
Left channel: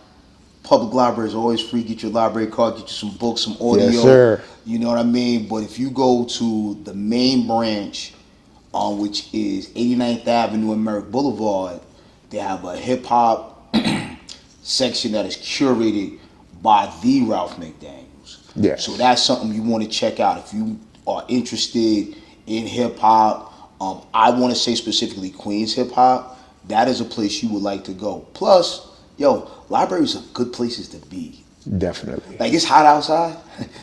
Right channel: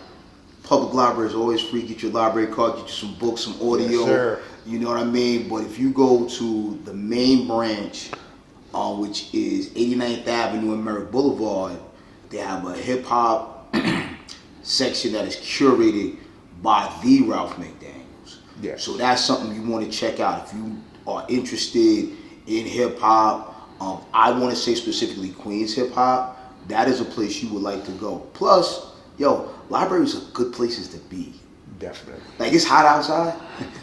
Public library is always free. Get your library card, get you some books, some audio. Yes, sir. You know what I mean? But if you go to the main branch, which is 89th Avenue and Merrick Boulevard, they have a hip hop section that is curated by the Ralph McDaniels. Yes. So that's something you want to check out if you are interested in hip hop. I want to say specifically Queens hip hop. That is a place you would like to go. Plus, libraries are good places to be. Definitely. Like, it's hot outside.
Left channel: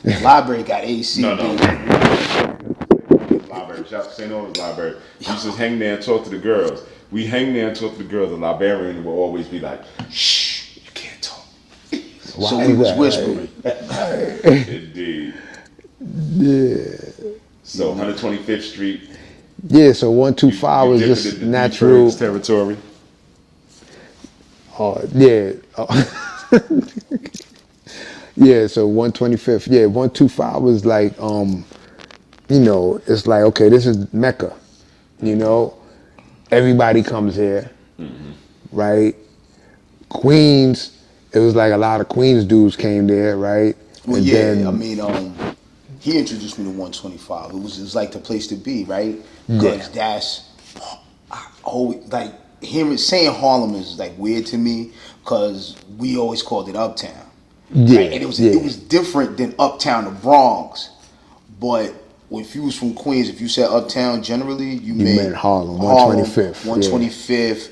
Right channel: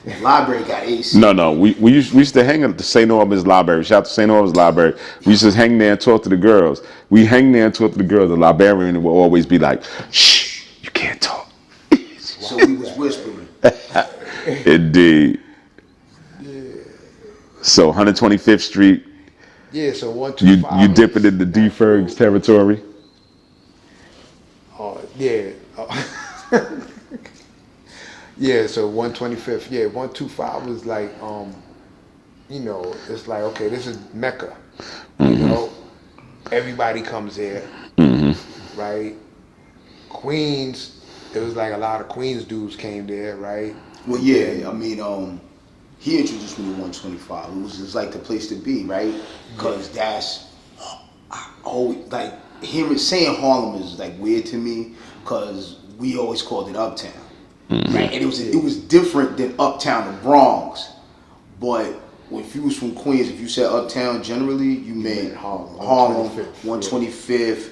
The library got AC. No. We used to hang at the St. Albans Library. Shout out to St. Albans Library. We used to hang there and talk to the girls. We hang there and talk to the girls. The librarian will always be like, shh, you can't talk. So he was whispering. Indeed. Yeah. So 125th Street. Yeah, so 125 you was dipping just into natural. D-Ferg's territory? Yeah. Yeah, so 125th. Yeah, 125 was like, it's like, okay, this is Mecca. Everybody comes here, right? Queens, it was like a lot of Queens dudes came there, right? Well, and yeah, then, I mean, he introduced me to 125. It was like the place to be, right? Because that's always like saying Harlem is like weird to me because we always called it Uptown. Yeah, right? And it was different than Uptown, the Bronx. But if you was from Queens, if you said Uptown, generally you meant Harlem, 125th. 125th.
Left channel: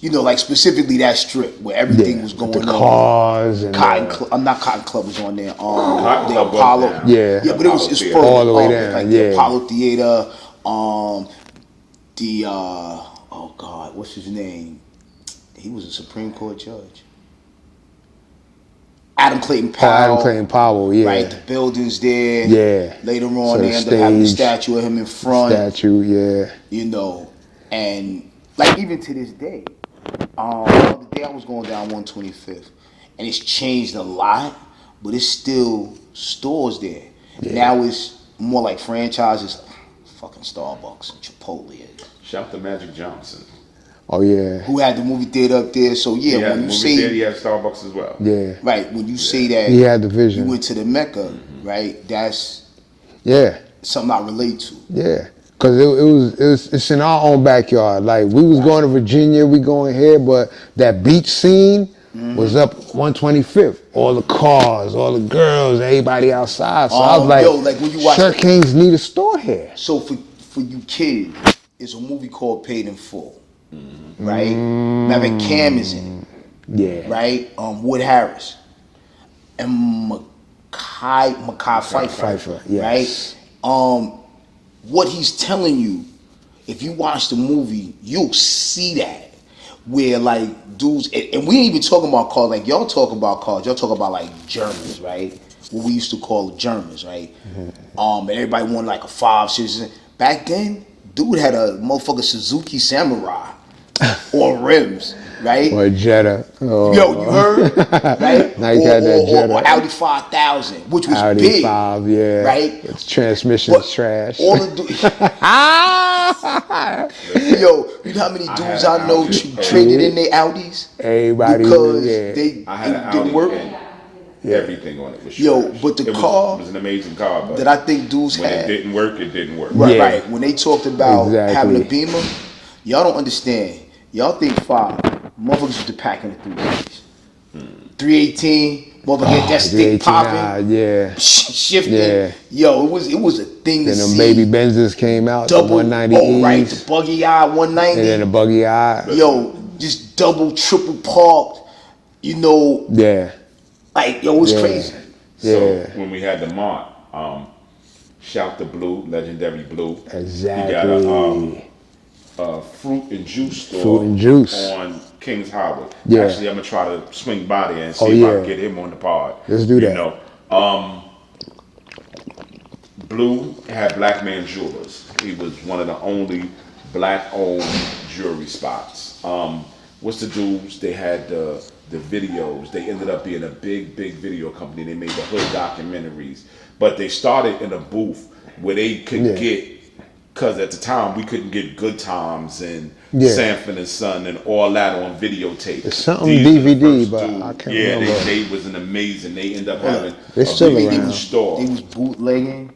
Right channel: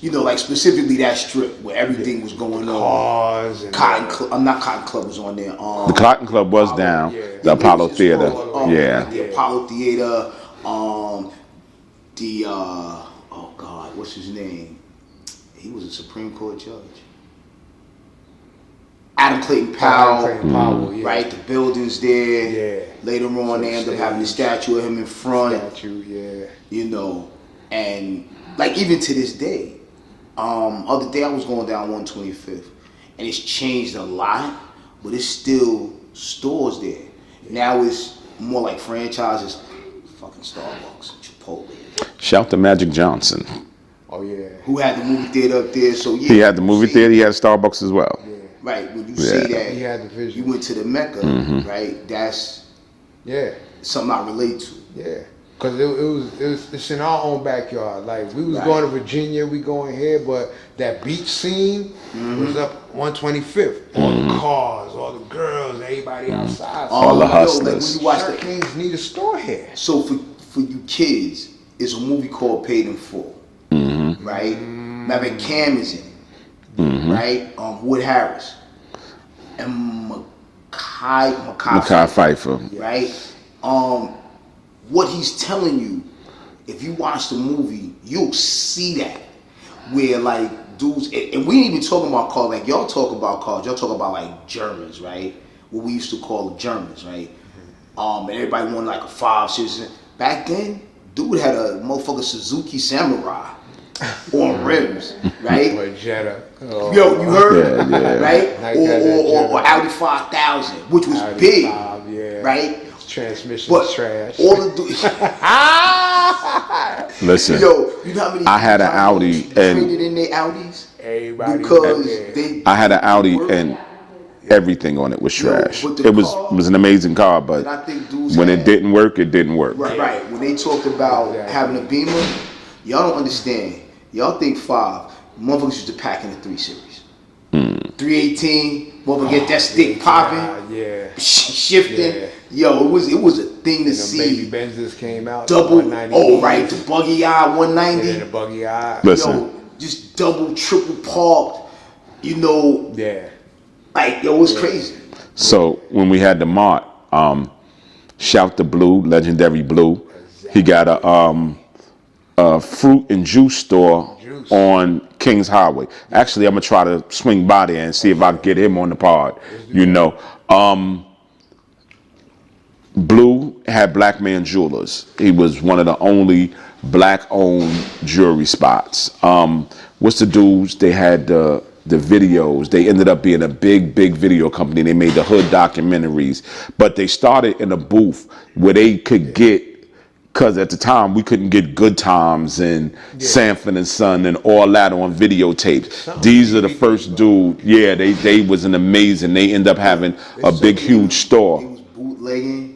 you know, like specifically that strip where everything was going the on. cars and I'm not Cotton Club was on there. The Cotton Club was Apollo, down. Yeah. The but it was Apollo just Theater. further all the way up, down. like the Yeah. Apollo Theater. Oh God, what's his name? He was a Supreme Court judge. Adam Clayton Powell. Adam Clayton Powell, yeah. Right, the buildings there. Yeah. Later on, So they the ended up having the stage, statue of him in front. Statue, yeah. You know, and like even to this day, the other day I was going down 125th, and it's changed a lot, but it's still stores there. Yeah. Now it's more like franchises, fucking Starbucks, Chipotle. Shout to Magic Johnson. Oh yeah. Who had the movie theater up there? So yeah, He had when the you movie say- theater. He had Starbucks as well. Yeah. Right, when you say that He had the vision. you went to the Mecca, right? That's Yeah. something I relate to. Yeah. Cause it's in our own backyard. Like we was going to Virginia, we going here, but that beach scene was up 125th. All the cars, all the girls, everybody outside. So I was like, when you watch Sir it- Kings need a store here. So for you kids, it's a movie called Paid in Full, right? Remember Cam is in, right? Wood Harris and Makai Pfeiffer. Yes. right? What he's telling you, if you watch the movie, you'll see that where like dudes, and we ain't even talking about cars. Like y'all talk about cars, y'all talk about like Germans, right? What we used to call Germans, right? And everybody wanted like a 5.6. Back then, dude had a motherfucking Suzuki Samurai on rims, right? Or Jetta. Oh, Yo, you heard? Right? Now you got that Jetta. Or Audi 5000, which was Audi big. 5, yeah. Right? Its transmission's But trash. all the Listen, Yo, you know how many dudes I had an know Audi traded in their Audis? Everybody Because yeah. they I had an they Audi work. and everything on it was Yo, trash. but the It car was an amazing car, but that I think dudes when had. it didn't work, it didn't work. Right, Yeah. right. When they talked about Exactly. having a Beamer, y'all don't understand. Y'all think motherfuckers used to pack in the 360s. 318, motherfucker get that stick 389, popping, Yeah. shifting. Yeah. Yo, it was a thing to Then see. them baby Benzes came out, the double, 190 oh right, E's, the buggy eye 190. and then the buggy eye. Listen. Yo, just double, triple parked. You know, Yeah. like yo, it's Yeah. crazy. So Yeah. when we had the Mart, shout to Blue, legendary Blue. Exactly. He got a fruit and juice store Fruit and juice. on Kings Highway. Yeah. Actually, I'm gonna try to swing by there and see Oh, if I yeah. can get him on the pod. Let's do you that. know, Blue had Black Man Jewelers. He was one of the only black-owned jewelry spots. What's the dudes? They had the videos. They ended up being a big video company. They made the hood documentaries, but they started in a booth where they could get, because at the time we couldn't get Good Times and Sanford and Son and all that on videotape. something These are the DVD, first but I dude. can't Yeah, remember. they was an amazing. They end up having They a still big around. huge store. He was bootlegging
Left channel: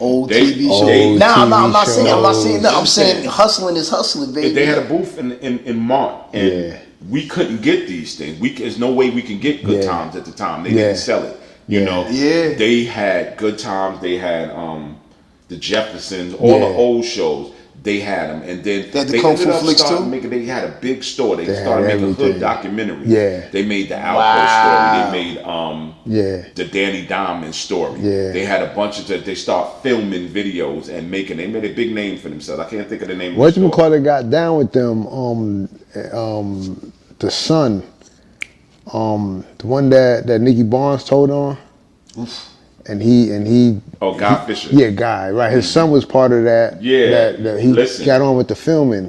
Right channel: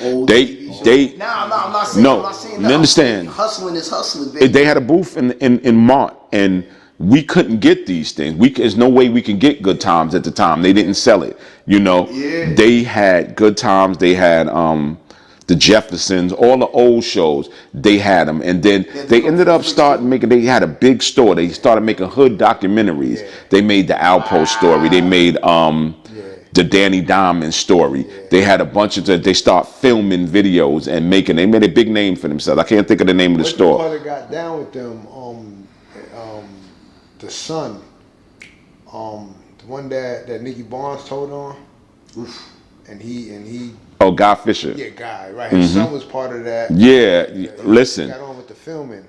old They- TV shows. they- Nah, I'm TV not shows. saying. I'm No, not saying. you No, I'm understand. saying hustling is hustling, baby. They had a booth in Mont, and we couldn't get these things. There's no way we could get Good Yeah. Times at the time. They didn't sell it. You know, Yeah. They had Good Times. They had the Jeffersons, all the old shows. They had them, and then They had the they Kung ended Fu up flicks starting too? making. They had a big store. They started had making hood everything. documentaries. Yeah. They made the Outpost story. They made the Danny Diamond story. Yeah. They had a bunch of. They start filming videos and making. They made a big name for themselves. I can't think of the name of the What store. you call it got down with them? The son, the one that Nicky Barnes told on, and he. Oh, Guy Fisher. Yeah, guy, right. His son was part of that. Yeah, that he listen. got on with the filming.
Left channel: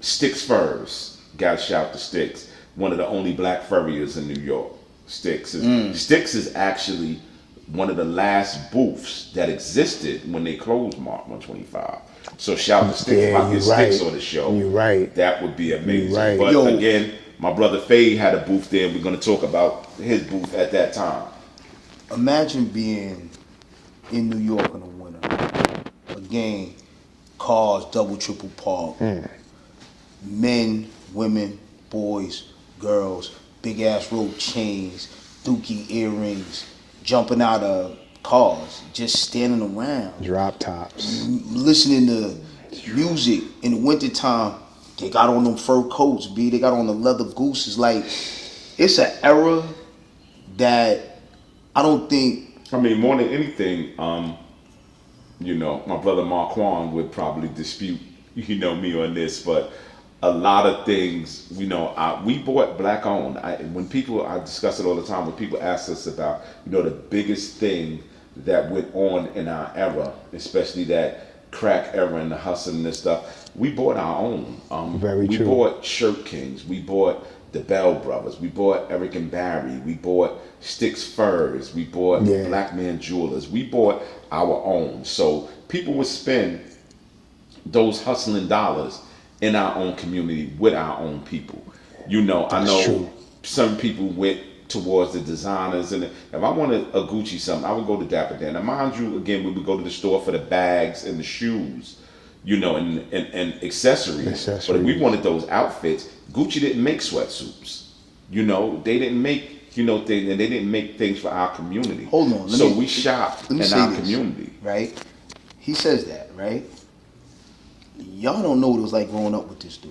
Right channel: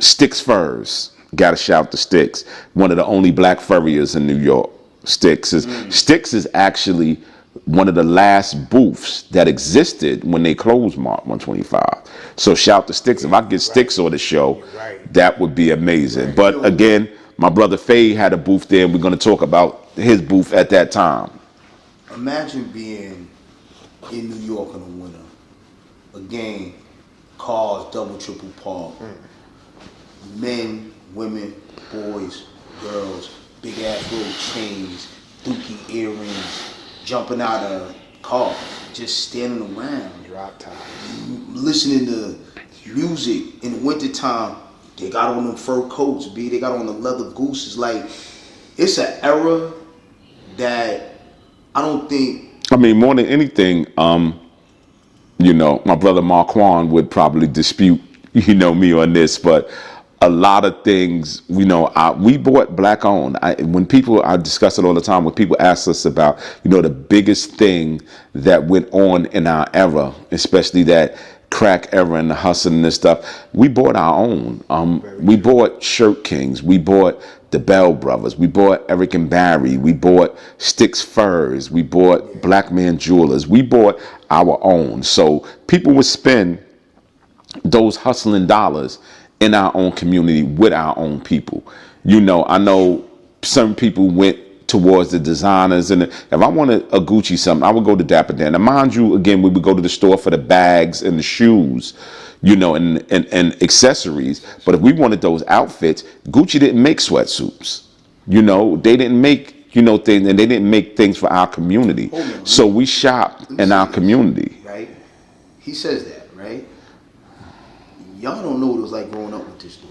Sticks Furs. Gotta shout to Sticks. One of the only black furriers in New York. Sticks is actually one of the last booths that existed when they closed Mart 125. So shout to Sticks. If I Yeah, get you're Sticks right. on the show, You're right. that would be amazing. You're right. But Yo. again, my brother Phade had a booth there. We're gonna talk about his booth at that time. Imagine being in New York in the winter. Again, cars double, triple park. Men, women, boys, girls, big ass gold chains, dookie earrings, jumping out of cars, just standing around, Drop tops. listening to music in the wintertime They got on them fur coats, B. They got on the leather gooses. Like, it's an era that I don't think. I mean, more than anything, my brother Marquand would probably dispute, me on this, but a lot of things, we bought black owned. I discuss it all the time, when people ask us about, the biggest thing that went on in our era, especially that crack era and the hustling and this stuff, we bought our own. We true. bought Shirt Kings, we bought the Bell Brothers, we bought Eric and Barry, we bought Sticks Furs, we bought Black Man Jewelers, we bought our own. So people would spend those hustling dollars in our own community with our own people. I know some people went towards the designers, and if I wanted a Gucci something, I would go to Dapper Dan. And mind you, again, we would go to the store for the bags and the shoes, and accessories. But if we wanted those outfits, Gucci didn't make sweatsuits. They didn't make, things, and they didn't make things for our community. So we shopped in our community. Right? He says that, right? Y'all don't know what it was like growing up with this dude.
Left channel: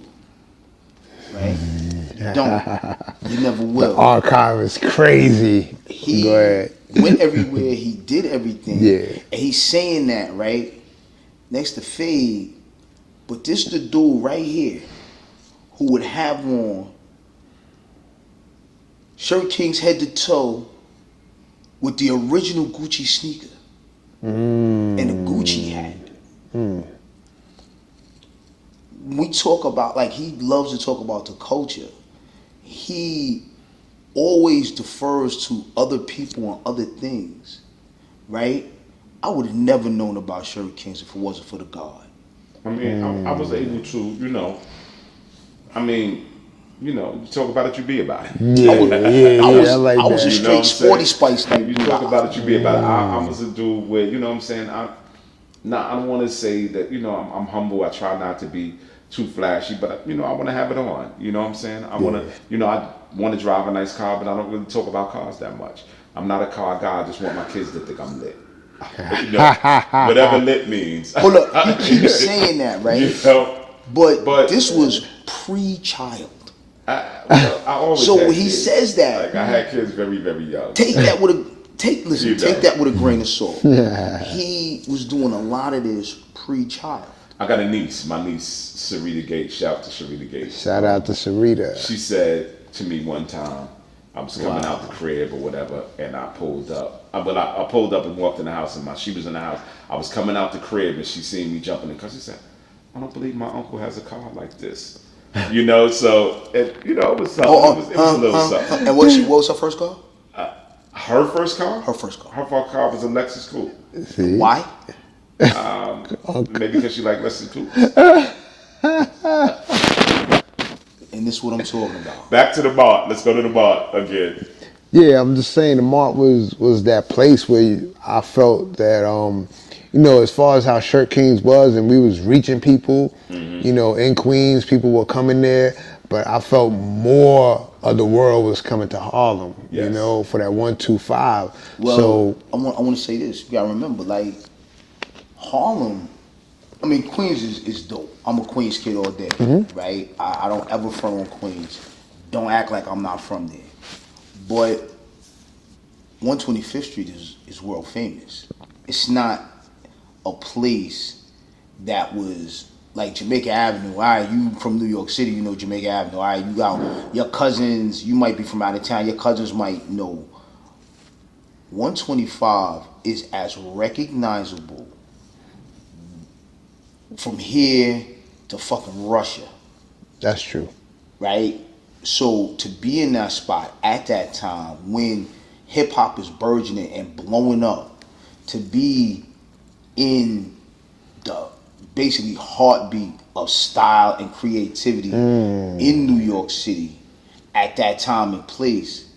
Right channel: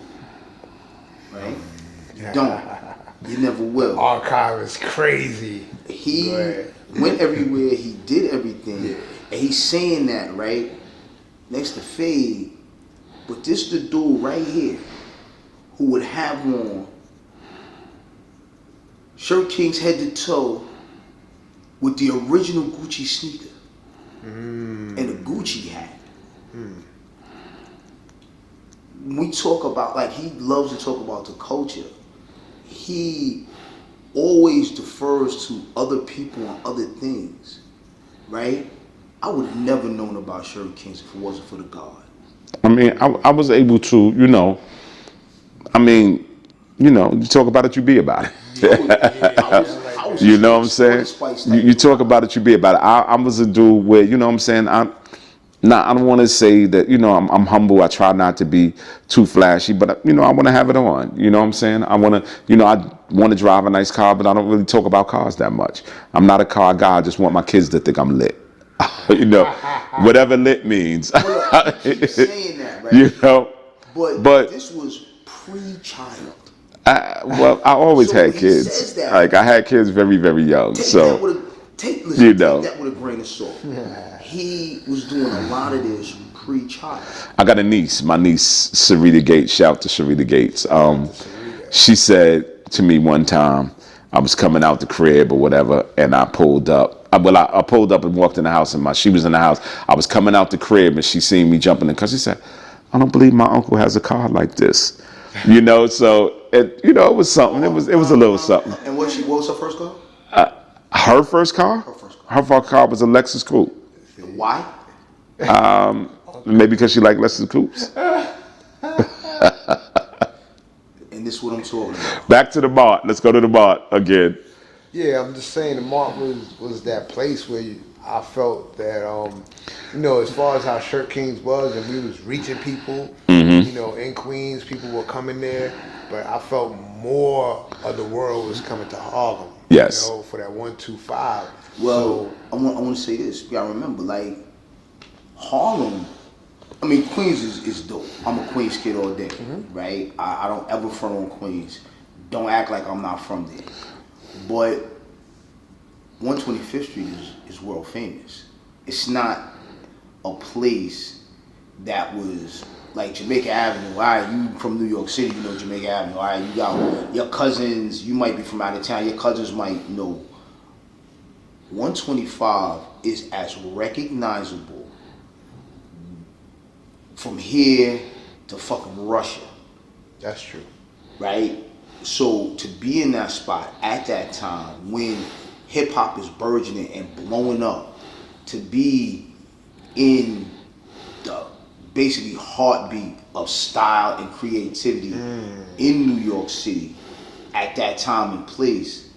Right? You don't. You never will. The archive is crazy. He went everywhere. He did everything. Yeah. And he's saying that, right? Next to Phade. But this the dude right here who would have on Shirt Kings head to toe with the original Gucci sneaker and a Gucci hat. When we talk about, like, he loves to talk about the culture, he always defers to other people and other things, right? I would have never known about Shirt Kings if it wasn't for the God. I mean, I was able to, you talk about it, you be about it. I like I that. was You know what I'm saying? Spice You talk about it, you be about it. I was a dude where, you know what I'm saying? I don't want to say that, I'm humble. I try not to be too flashy, but, I want to have it on. You know what I'm saying? I want to, I want to drive a nice car, but I don't really talk about cars that much. I'm not a car guy. I just want my kids to think I'm lit. Whatever lit means. Well, look, he keeps saying that, right? But this was pre-child. I always So had when he kids. says that, Like, I had kids very, very young. Take that with a grain of salt. Yeah. He was doing a lot of this pre-child. I got a niece, my niece, Sarita Gates. Shout out to Sarita Gates. Shout out to Sarita. She said to me one time, I was coming out the crib or whatever, and I pulled up. I pulled up and walked in the house, and she was in the house. I was coming out the crib, and she seen me jumping in the car. She said, "I don't believe my uncle has a car like this." So it was something. It was a little something. And what was her first car? Her first car? Her first car. Her first car was a Lexus Coupe. See? Why? Maybe because she liked Lexus Coupes. And this is what I'm talking about. Back to the Mart. Let's go to the Mart again. Yeah, I'm just saying the Mart was that place where I felt that, as far as how Shirt Kings was, and we was reaching people, in Queens, people were coming there, but I felt more of the world was coming to Harlem, Yes. for that 125. Well, So I want to say this. You gotta remember, like, Harlem, I mean, Queens is dope. I'm a Queens kid all day, right? I don't ever front on Queens. Don't act like I'm not from there. But 125th Street is world famous. It's not a place that was like Jamaica Avenue. All right, you from New York City, you know Jamaica Avenue. All right, you got your cousins, you might be from out of town, your cousins might know. 125 is as recognizable from here to fucking Russia. that's true. Right? So to be in that spot at that time when hip hop is burgeoning and blowing up, to be in the basically heartbeat of style and creativity in New York City at that time and place,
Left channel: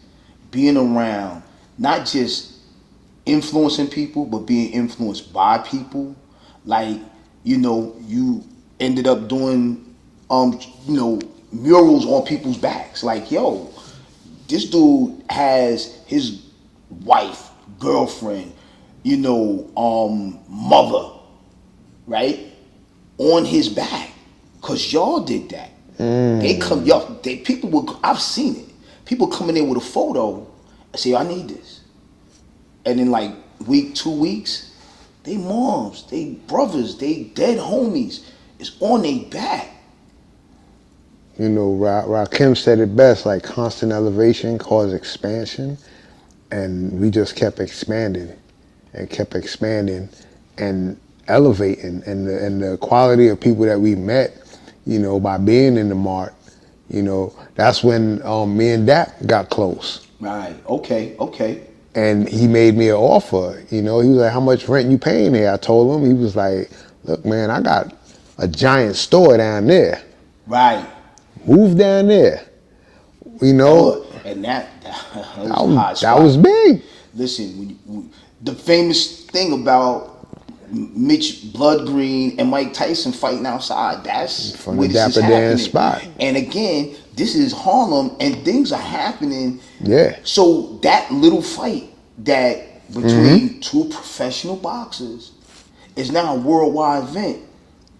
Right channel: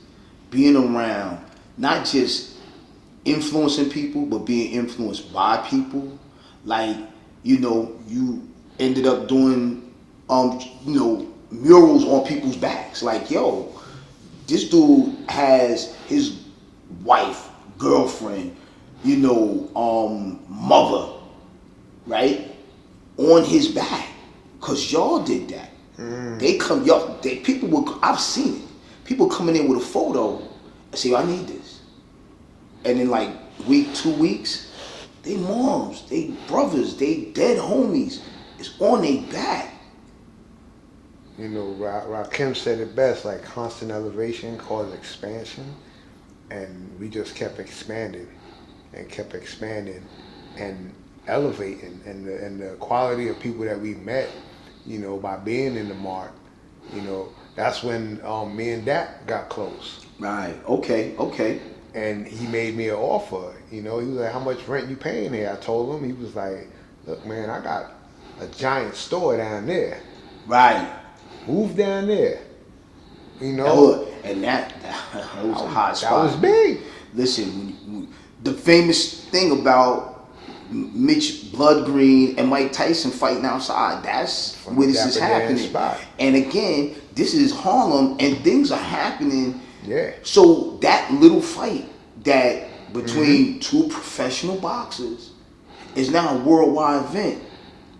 being around not just influencing people, but being influenced by people. Like, you ended up doing, murals on people's backs. Like, yo, this dude has his wife, girlfriend, mother, right, on his back. Cause y'all did that. They come, people will. I've seen it. People coming in with a photo and say, "I need this," and then like week, 2 weeks, they moms, they brothers, they dead homies is on their back. You know, Rakim said it best, like constant elevation caused expansion, and we just kept expanding and elevating, and the quality of people that we met, you know, by being in the mart, you know, that's when me and Dak got close. Right. Okay. And he made me an offer. You know, he was like, "How much rent you paying here?" I told him. He was like, "Look, man, I got a giant store down there. Right. Move down there." You know, And that was a hot spot. That was big. Listen, the famous thing about Mitch Blood Green and Mike Tyson fighting outside, that's From where the this is Dapper Dan happening. spot. And again, this is Harlem and things are happening. Yeah. So that little fight that between two professional boxers is now a worldwide event.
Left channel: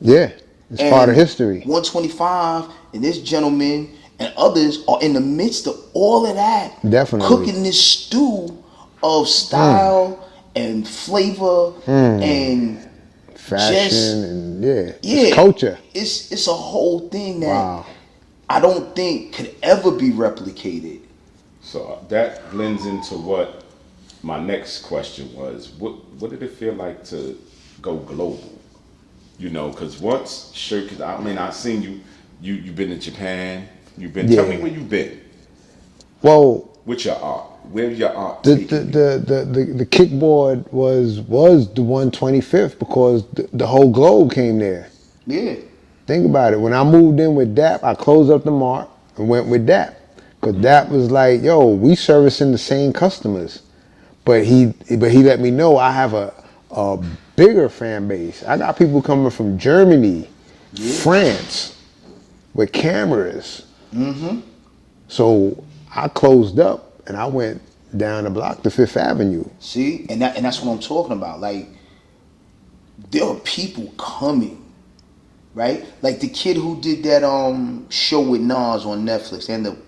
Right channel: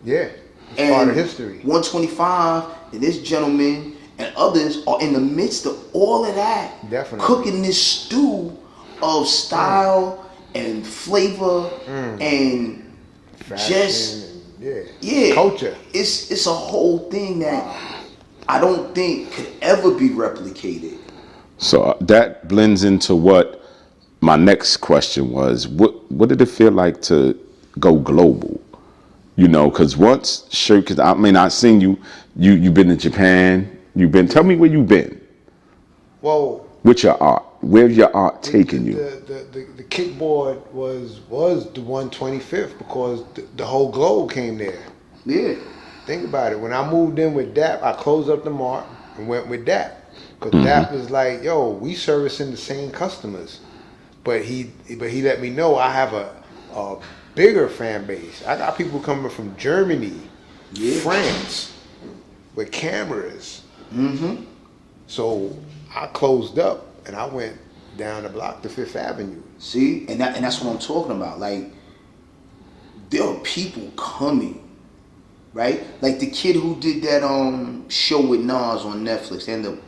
Yeah. It's And part of history. 125 and this gentleman and others are in the midst of all of that. Definitely. Cooking this stew of style and flavor and Fashion and yeah, it's culture. It's a whole thing that Wow. I don't think could ever be replicated. So that blends into what my next question was. What did it feel like to go global? You know, because once because I mean, I've seen you've been to Japan. Tell me where you've been. Well, With your art. Where's your art taking you? the kickboard was the 125th because the whole globe came there. Yeah. Think about it. When I moved in with Dap, I closed up the mart and went with Dap. Because Dap was like, "Yo, we servicing the same customers." But he let me know I have a bigger fan base. I got people coming from Germany, France, with cameras. So I closed up and I went down the block to Fifth Avenue. See, and that's what I'm talking about. Like, there are people coming, right? Like the kid who did that show with Nas on Netflix. They ended up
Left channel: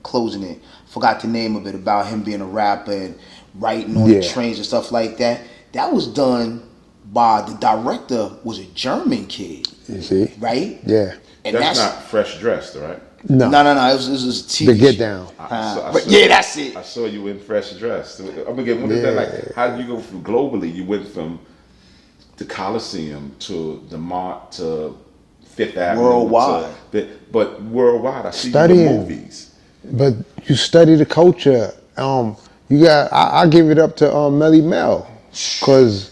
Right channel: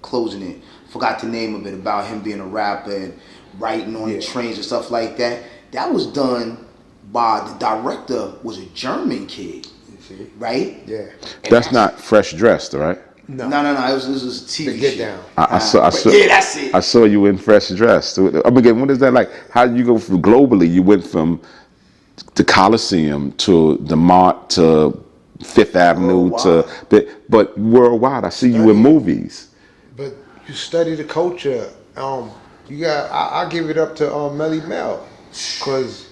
closing it. Forgot the name of it, about him being a rapper and writing on the trains and stuff like that. That was done by the director was a German kid. You see? Right? Yeah. And That's not Fresh Dressed, right? No. No. It was a TV The Get show. Down. I saw, yeah, that's it. I saw you in Fresh Dressed. I mean, when is that like? How did you go from globally? You went from the Coliseum to the Mart to Fifth Avenue but worldwide. I see you in movies. But you study the culture. I give it up to Melly Mel, because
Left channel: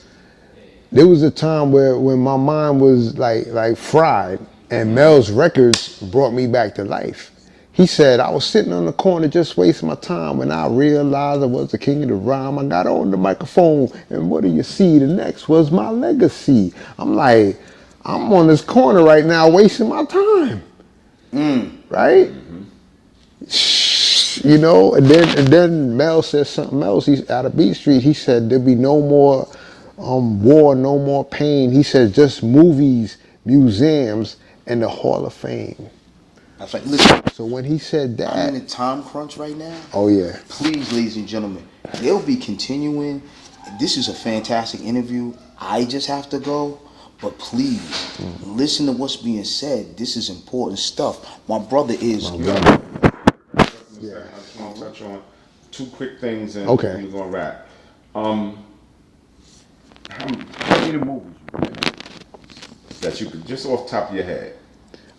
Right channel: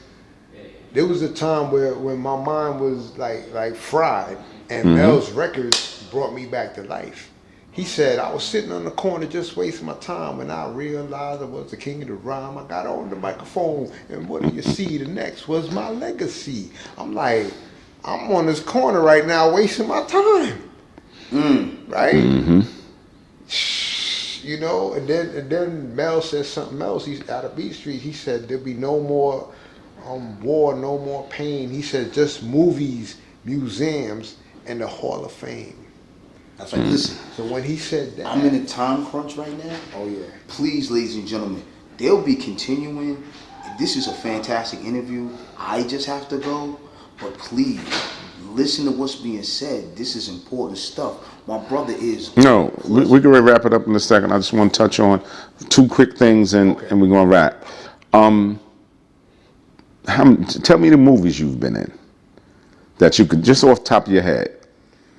there was a time when my mind was like fried, and Mel's records brought me back to life. He said, "I was sitting on the corner just wasting my time when I realized I was the king of the rhyme. I got on the microphone, and what do you see? The next was my legacy." I'm like, I'm on this corner right now wasting my time. Right? You know, and then Mel said something else. He's out of Beat Street. He said there'll be no more war, no more pain. He said just movies, museums, and the Hall of Fame. That's like, listen, So when he said that, I'm in a time crunch right now. oh yeah. Please, ladies and gentlemen, they'll be continuing. This is a fantastic interview. I just have to go. But please, listen to what's being said. This is important stuff. My brother is... No, we're going to wrap it up in a second. I just want to touch on two quick things and we're going to wrap. Tell me the movies you've been in that you could, just off the top of your head.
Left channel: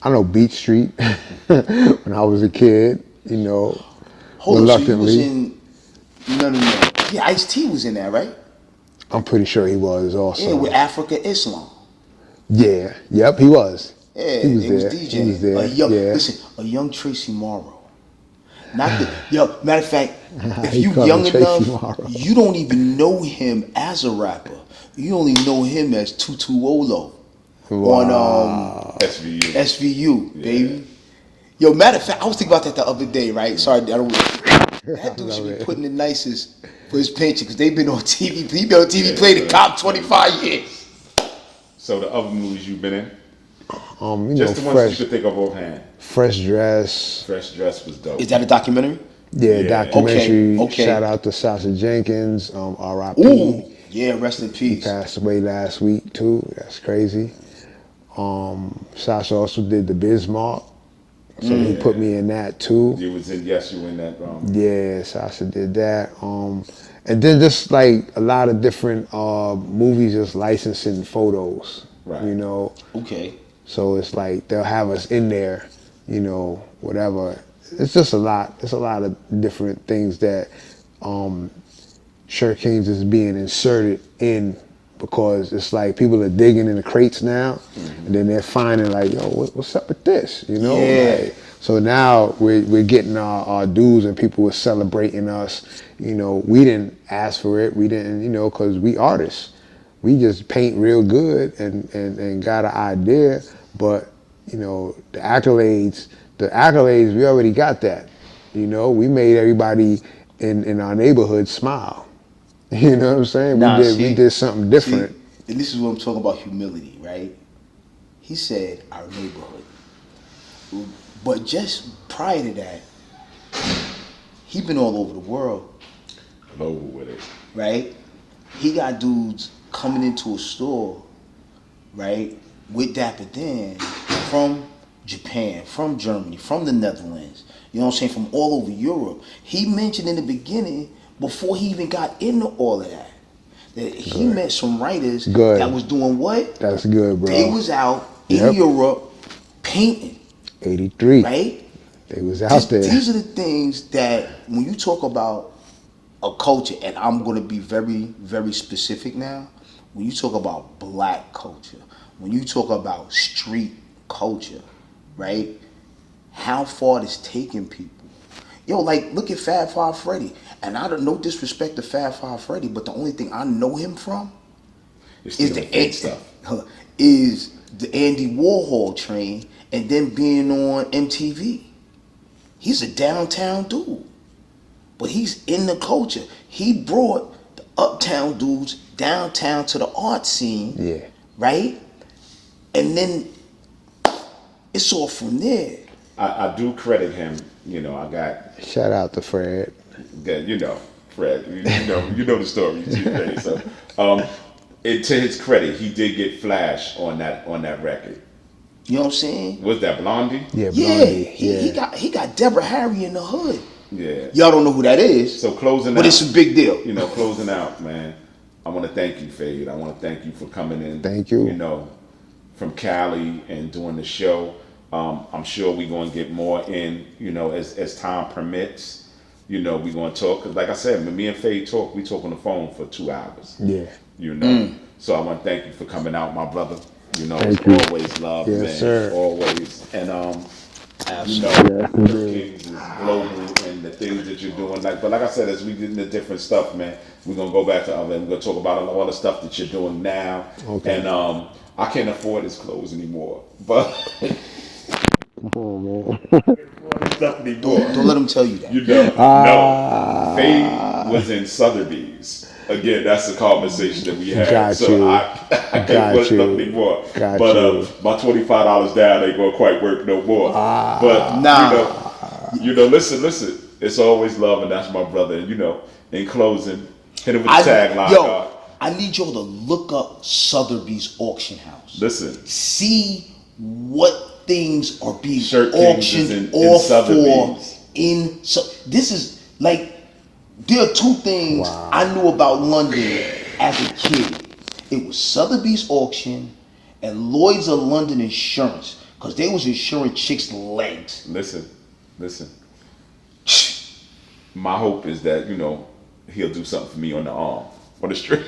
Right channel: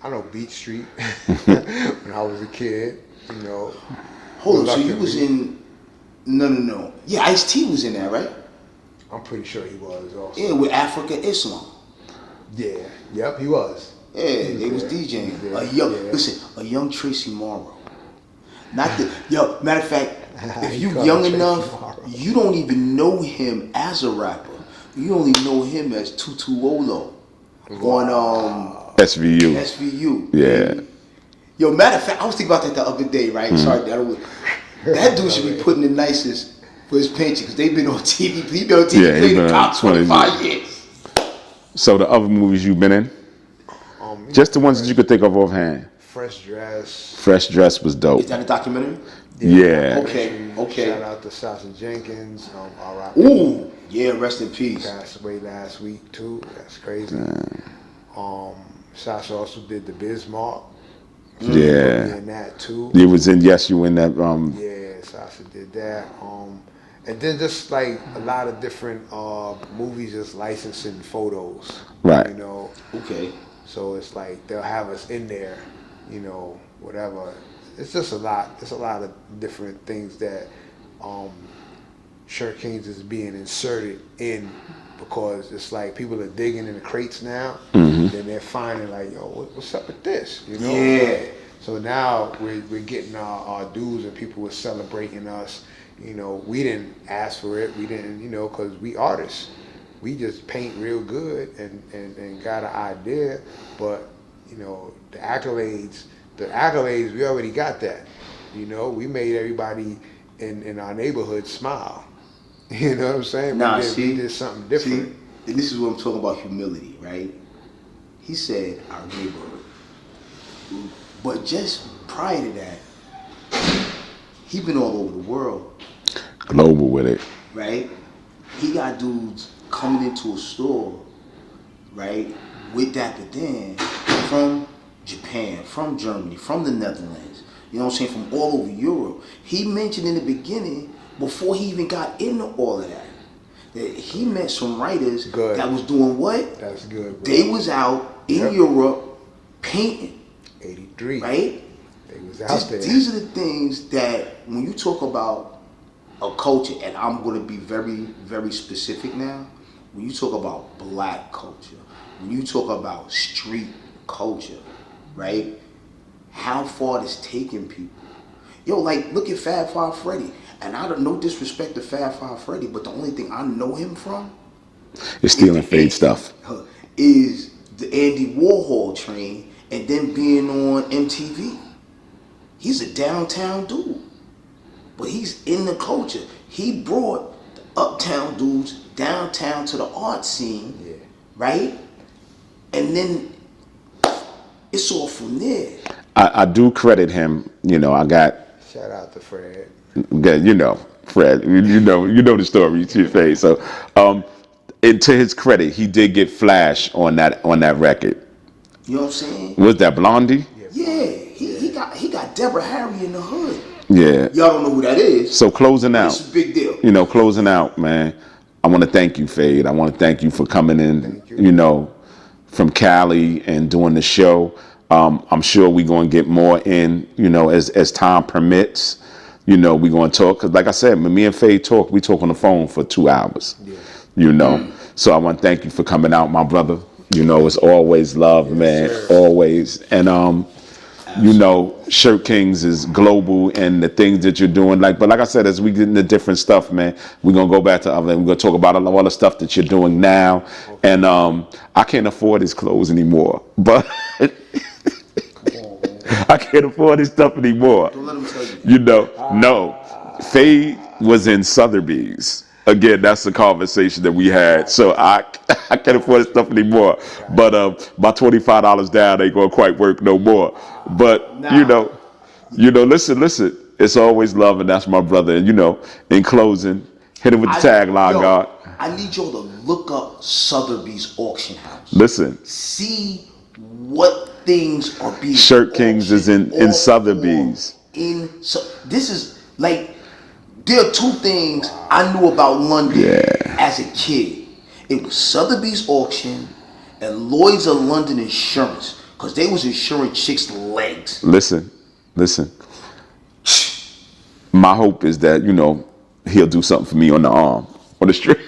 I know Beat Street when I was a kid, you know. Hold on, so you was in... No. Yeah, Ice-T was in that, right? I'm pretty sure he was also. Yeah, with Africa Islam. Yeah, yep, he was. Yeah, he was DJing. He was there. Listen, a young Tracy Morrow. Matter of fact, if He you called young Tracy enough, Morrow. you don't even know him as a rapper. You only know him as Tutu Olo on SVU. SVU. Yeah. Baby. Yo, matter of fact, I was thinking about that the other day, right? Sorry, that dude should be putting the nicest for his pension, because they've been on TV. He been on TV playing the cop 25 years. So the other movies you've been in? Just the ones that you could think of offhand. Fresh Dress. Fresh Dress was dope. Is that a documentary? Yeah, documentary. Okay. Shout out to Sasha Jenkins, R.I.P. Ooh, yeah, rest in peace. Passed away last week too. That's crazy. Sasha also did the Bismarck. So he put me in that too. You was in you in that Yeah, Sasha did that. And then just like a lot of different movies just licensing photos. Right. You know. Okay. So it's like they'll have us in there, you know, whatever. It's just a lot. It's a lot of different things that Shirt Kings is being inserted in, because it's like people are digging in the crates now. Then they're finding like, yo, what's up with this? You know? Yeah. Like, so now we're getting our dues, and people are celebrating us. You know, we didn't ask for it. We didn't, you know, because we artists. We just paint real good and got an idea. But, you know, the accolades, we already got that. You know, we made everybody in our neighborhood smile. You know what I'm saying? We did something different. See, and this is what I'm talking about, humility, right? He said our neighborhood. But just prior to that, he been all over the world. global with it. Right? He got dudes coming into a store, right, with Dapper Dan from Japan, from Germany, from the Netherlands, you know what I'm saying, from all over Europe. He mentioned in the beginning, before he even got into all of that he met some writers that was doing what? That's good, bro. They was out in Europe painting. 83. Right? They was out there. These are the things that when you talk about a culture, and I'm going to be very, very specific now, when you talk about black culture, when you talk about street culture, right? How far it's taken people. Yo, like, look at Fab Five Freddy. And I don't no disrespect to Fab Five Freddy, but the only thing I know him from is stealing Phade stuff. Is the Andy Warhol train and then being on MTV. He's a downtown dude, but he's in the culture. He brought the uptown dudes downtown to the art scene, right? And then it's all from there. I do credit him. You know, I got. Shout out to Fred. You know, Fred. You know the story. Your face. So, to his credit, he did get Flash on that record. You know what I'm saying? Was that Blondie? Yeah, Blondie. He got Deborah Harry in the hood. Yeah. Y'all don't know who that is. So closing out. But it's a big deal. You know, closing out, man. I want to thank you, Phade. I want to thank you for coming in. Thank you. You know, from Cali and doing the show. I'm sure we're going to get more in, you know, as time permits. You know, we're going to talk. Because like I said, when me and Phade talk, we talk on the phone for 2 hours. Yeah. You know. So I want to thank you for coming out, my brother. You know, it's always love, man. Sir. Always. And, you know, Shirt Kings is global and the things that you're doing. But like I said, as we get into different stuff, man, we're going to go back to other. We're going to talk about all the stuff that you're doing now. Okay. And I can't afford his clothes anymore. But... I can't afford this stuff anymore. Don't let him tell you that. You know, no. Phade was in Sotheby's. Again, that's the conversation that we had. So I can't afford this stuff anymore. But my $25 down ain't gonna quite work no more. But you know, listen. It's always love, and that's my brother. And you know, in closing, hit him with the tagline, God. I need y'all to look up Sotheby's auction house. Listen. See what things are being Shirt Kings is in Sotheby's. This is like, there are two things I knew about London as a kid. It was Sotheby's auction and Lloyd's of London Insurance, because they was insuring chicks' legs. Listen. My hope is that, you know, he'll do something for me on the arm, on the street.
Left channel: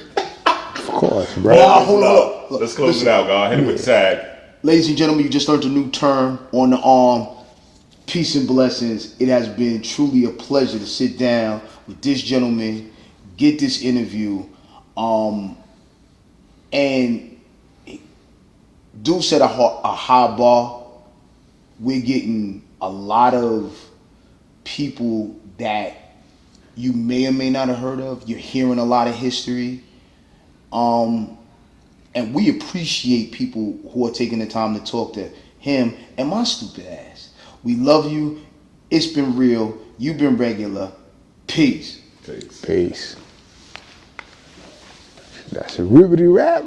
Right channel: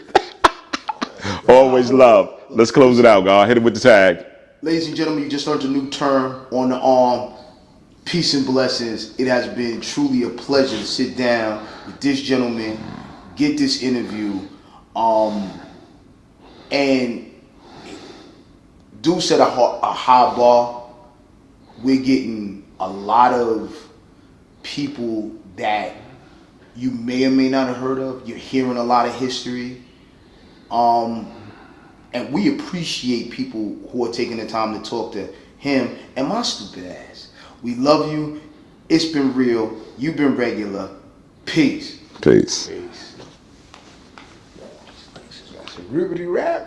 Of course, bro. Always love. Let's close it out, God. Hit it with the tag. Ladies and gentlemen, you just learned a new term, on the arm. Peace and blessings. It has been truly a pleasure to sit down with this gentleman, get this interview, and Dude set a high bar. We're getting a lot of people that you may or may not have heard of. You're hearing a lot of history. And we appreciate people who are taking the time to talk to him and my stupid ass. We love you. It's been real. You've been regular. Peace. Peace. Peace. That's a ribbity rap.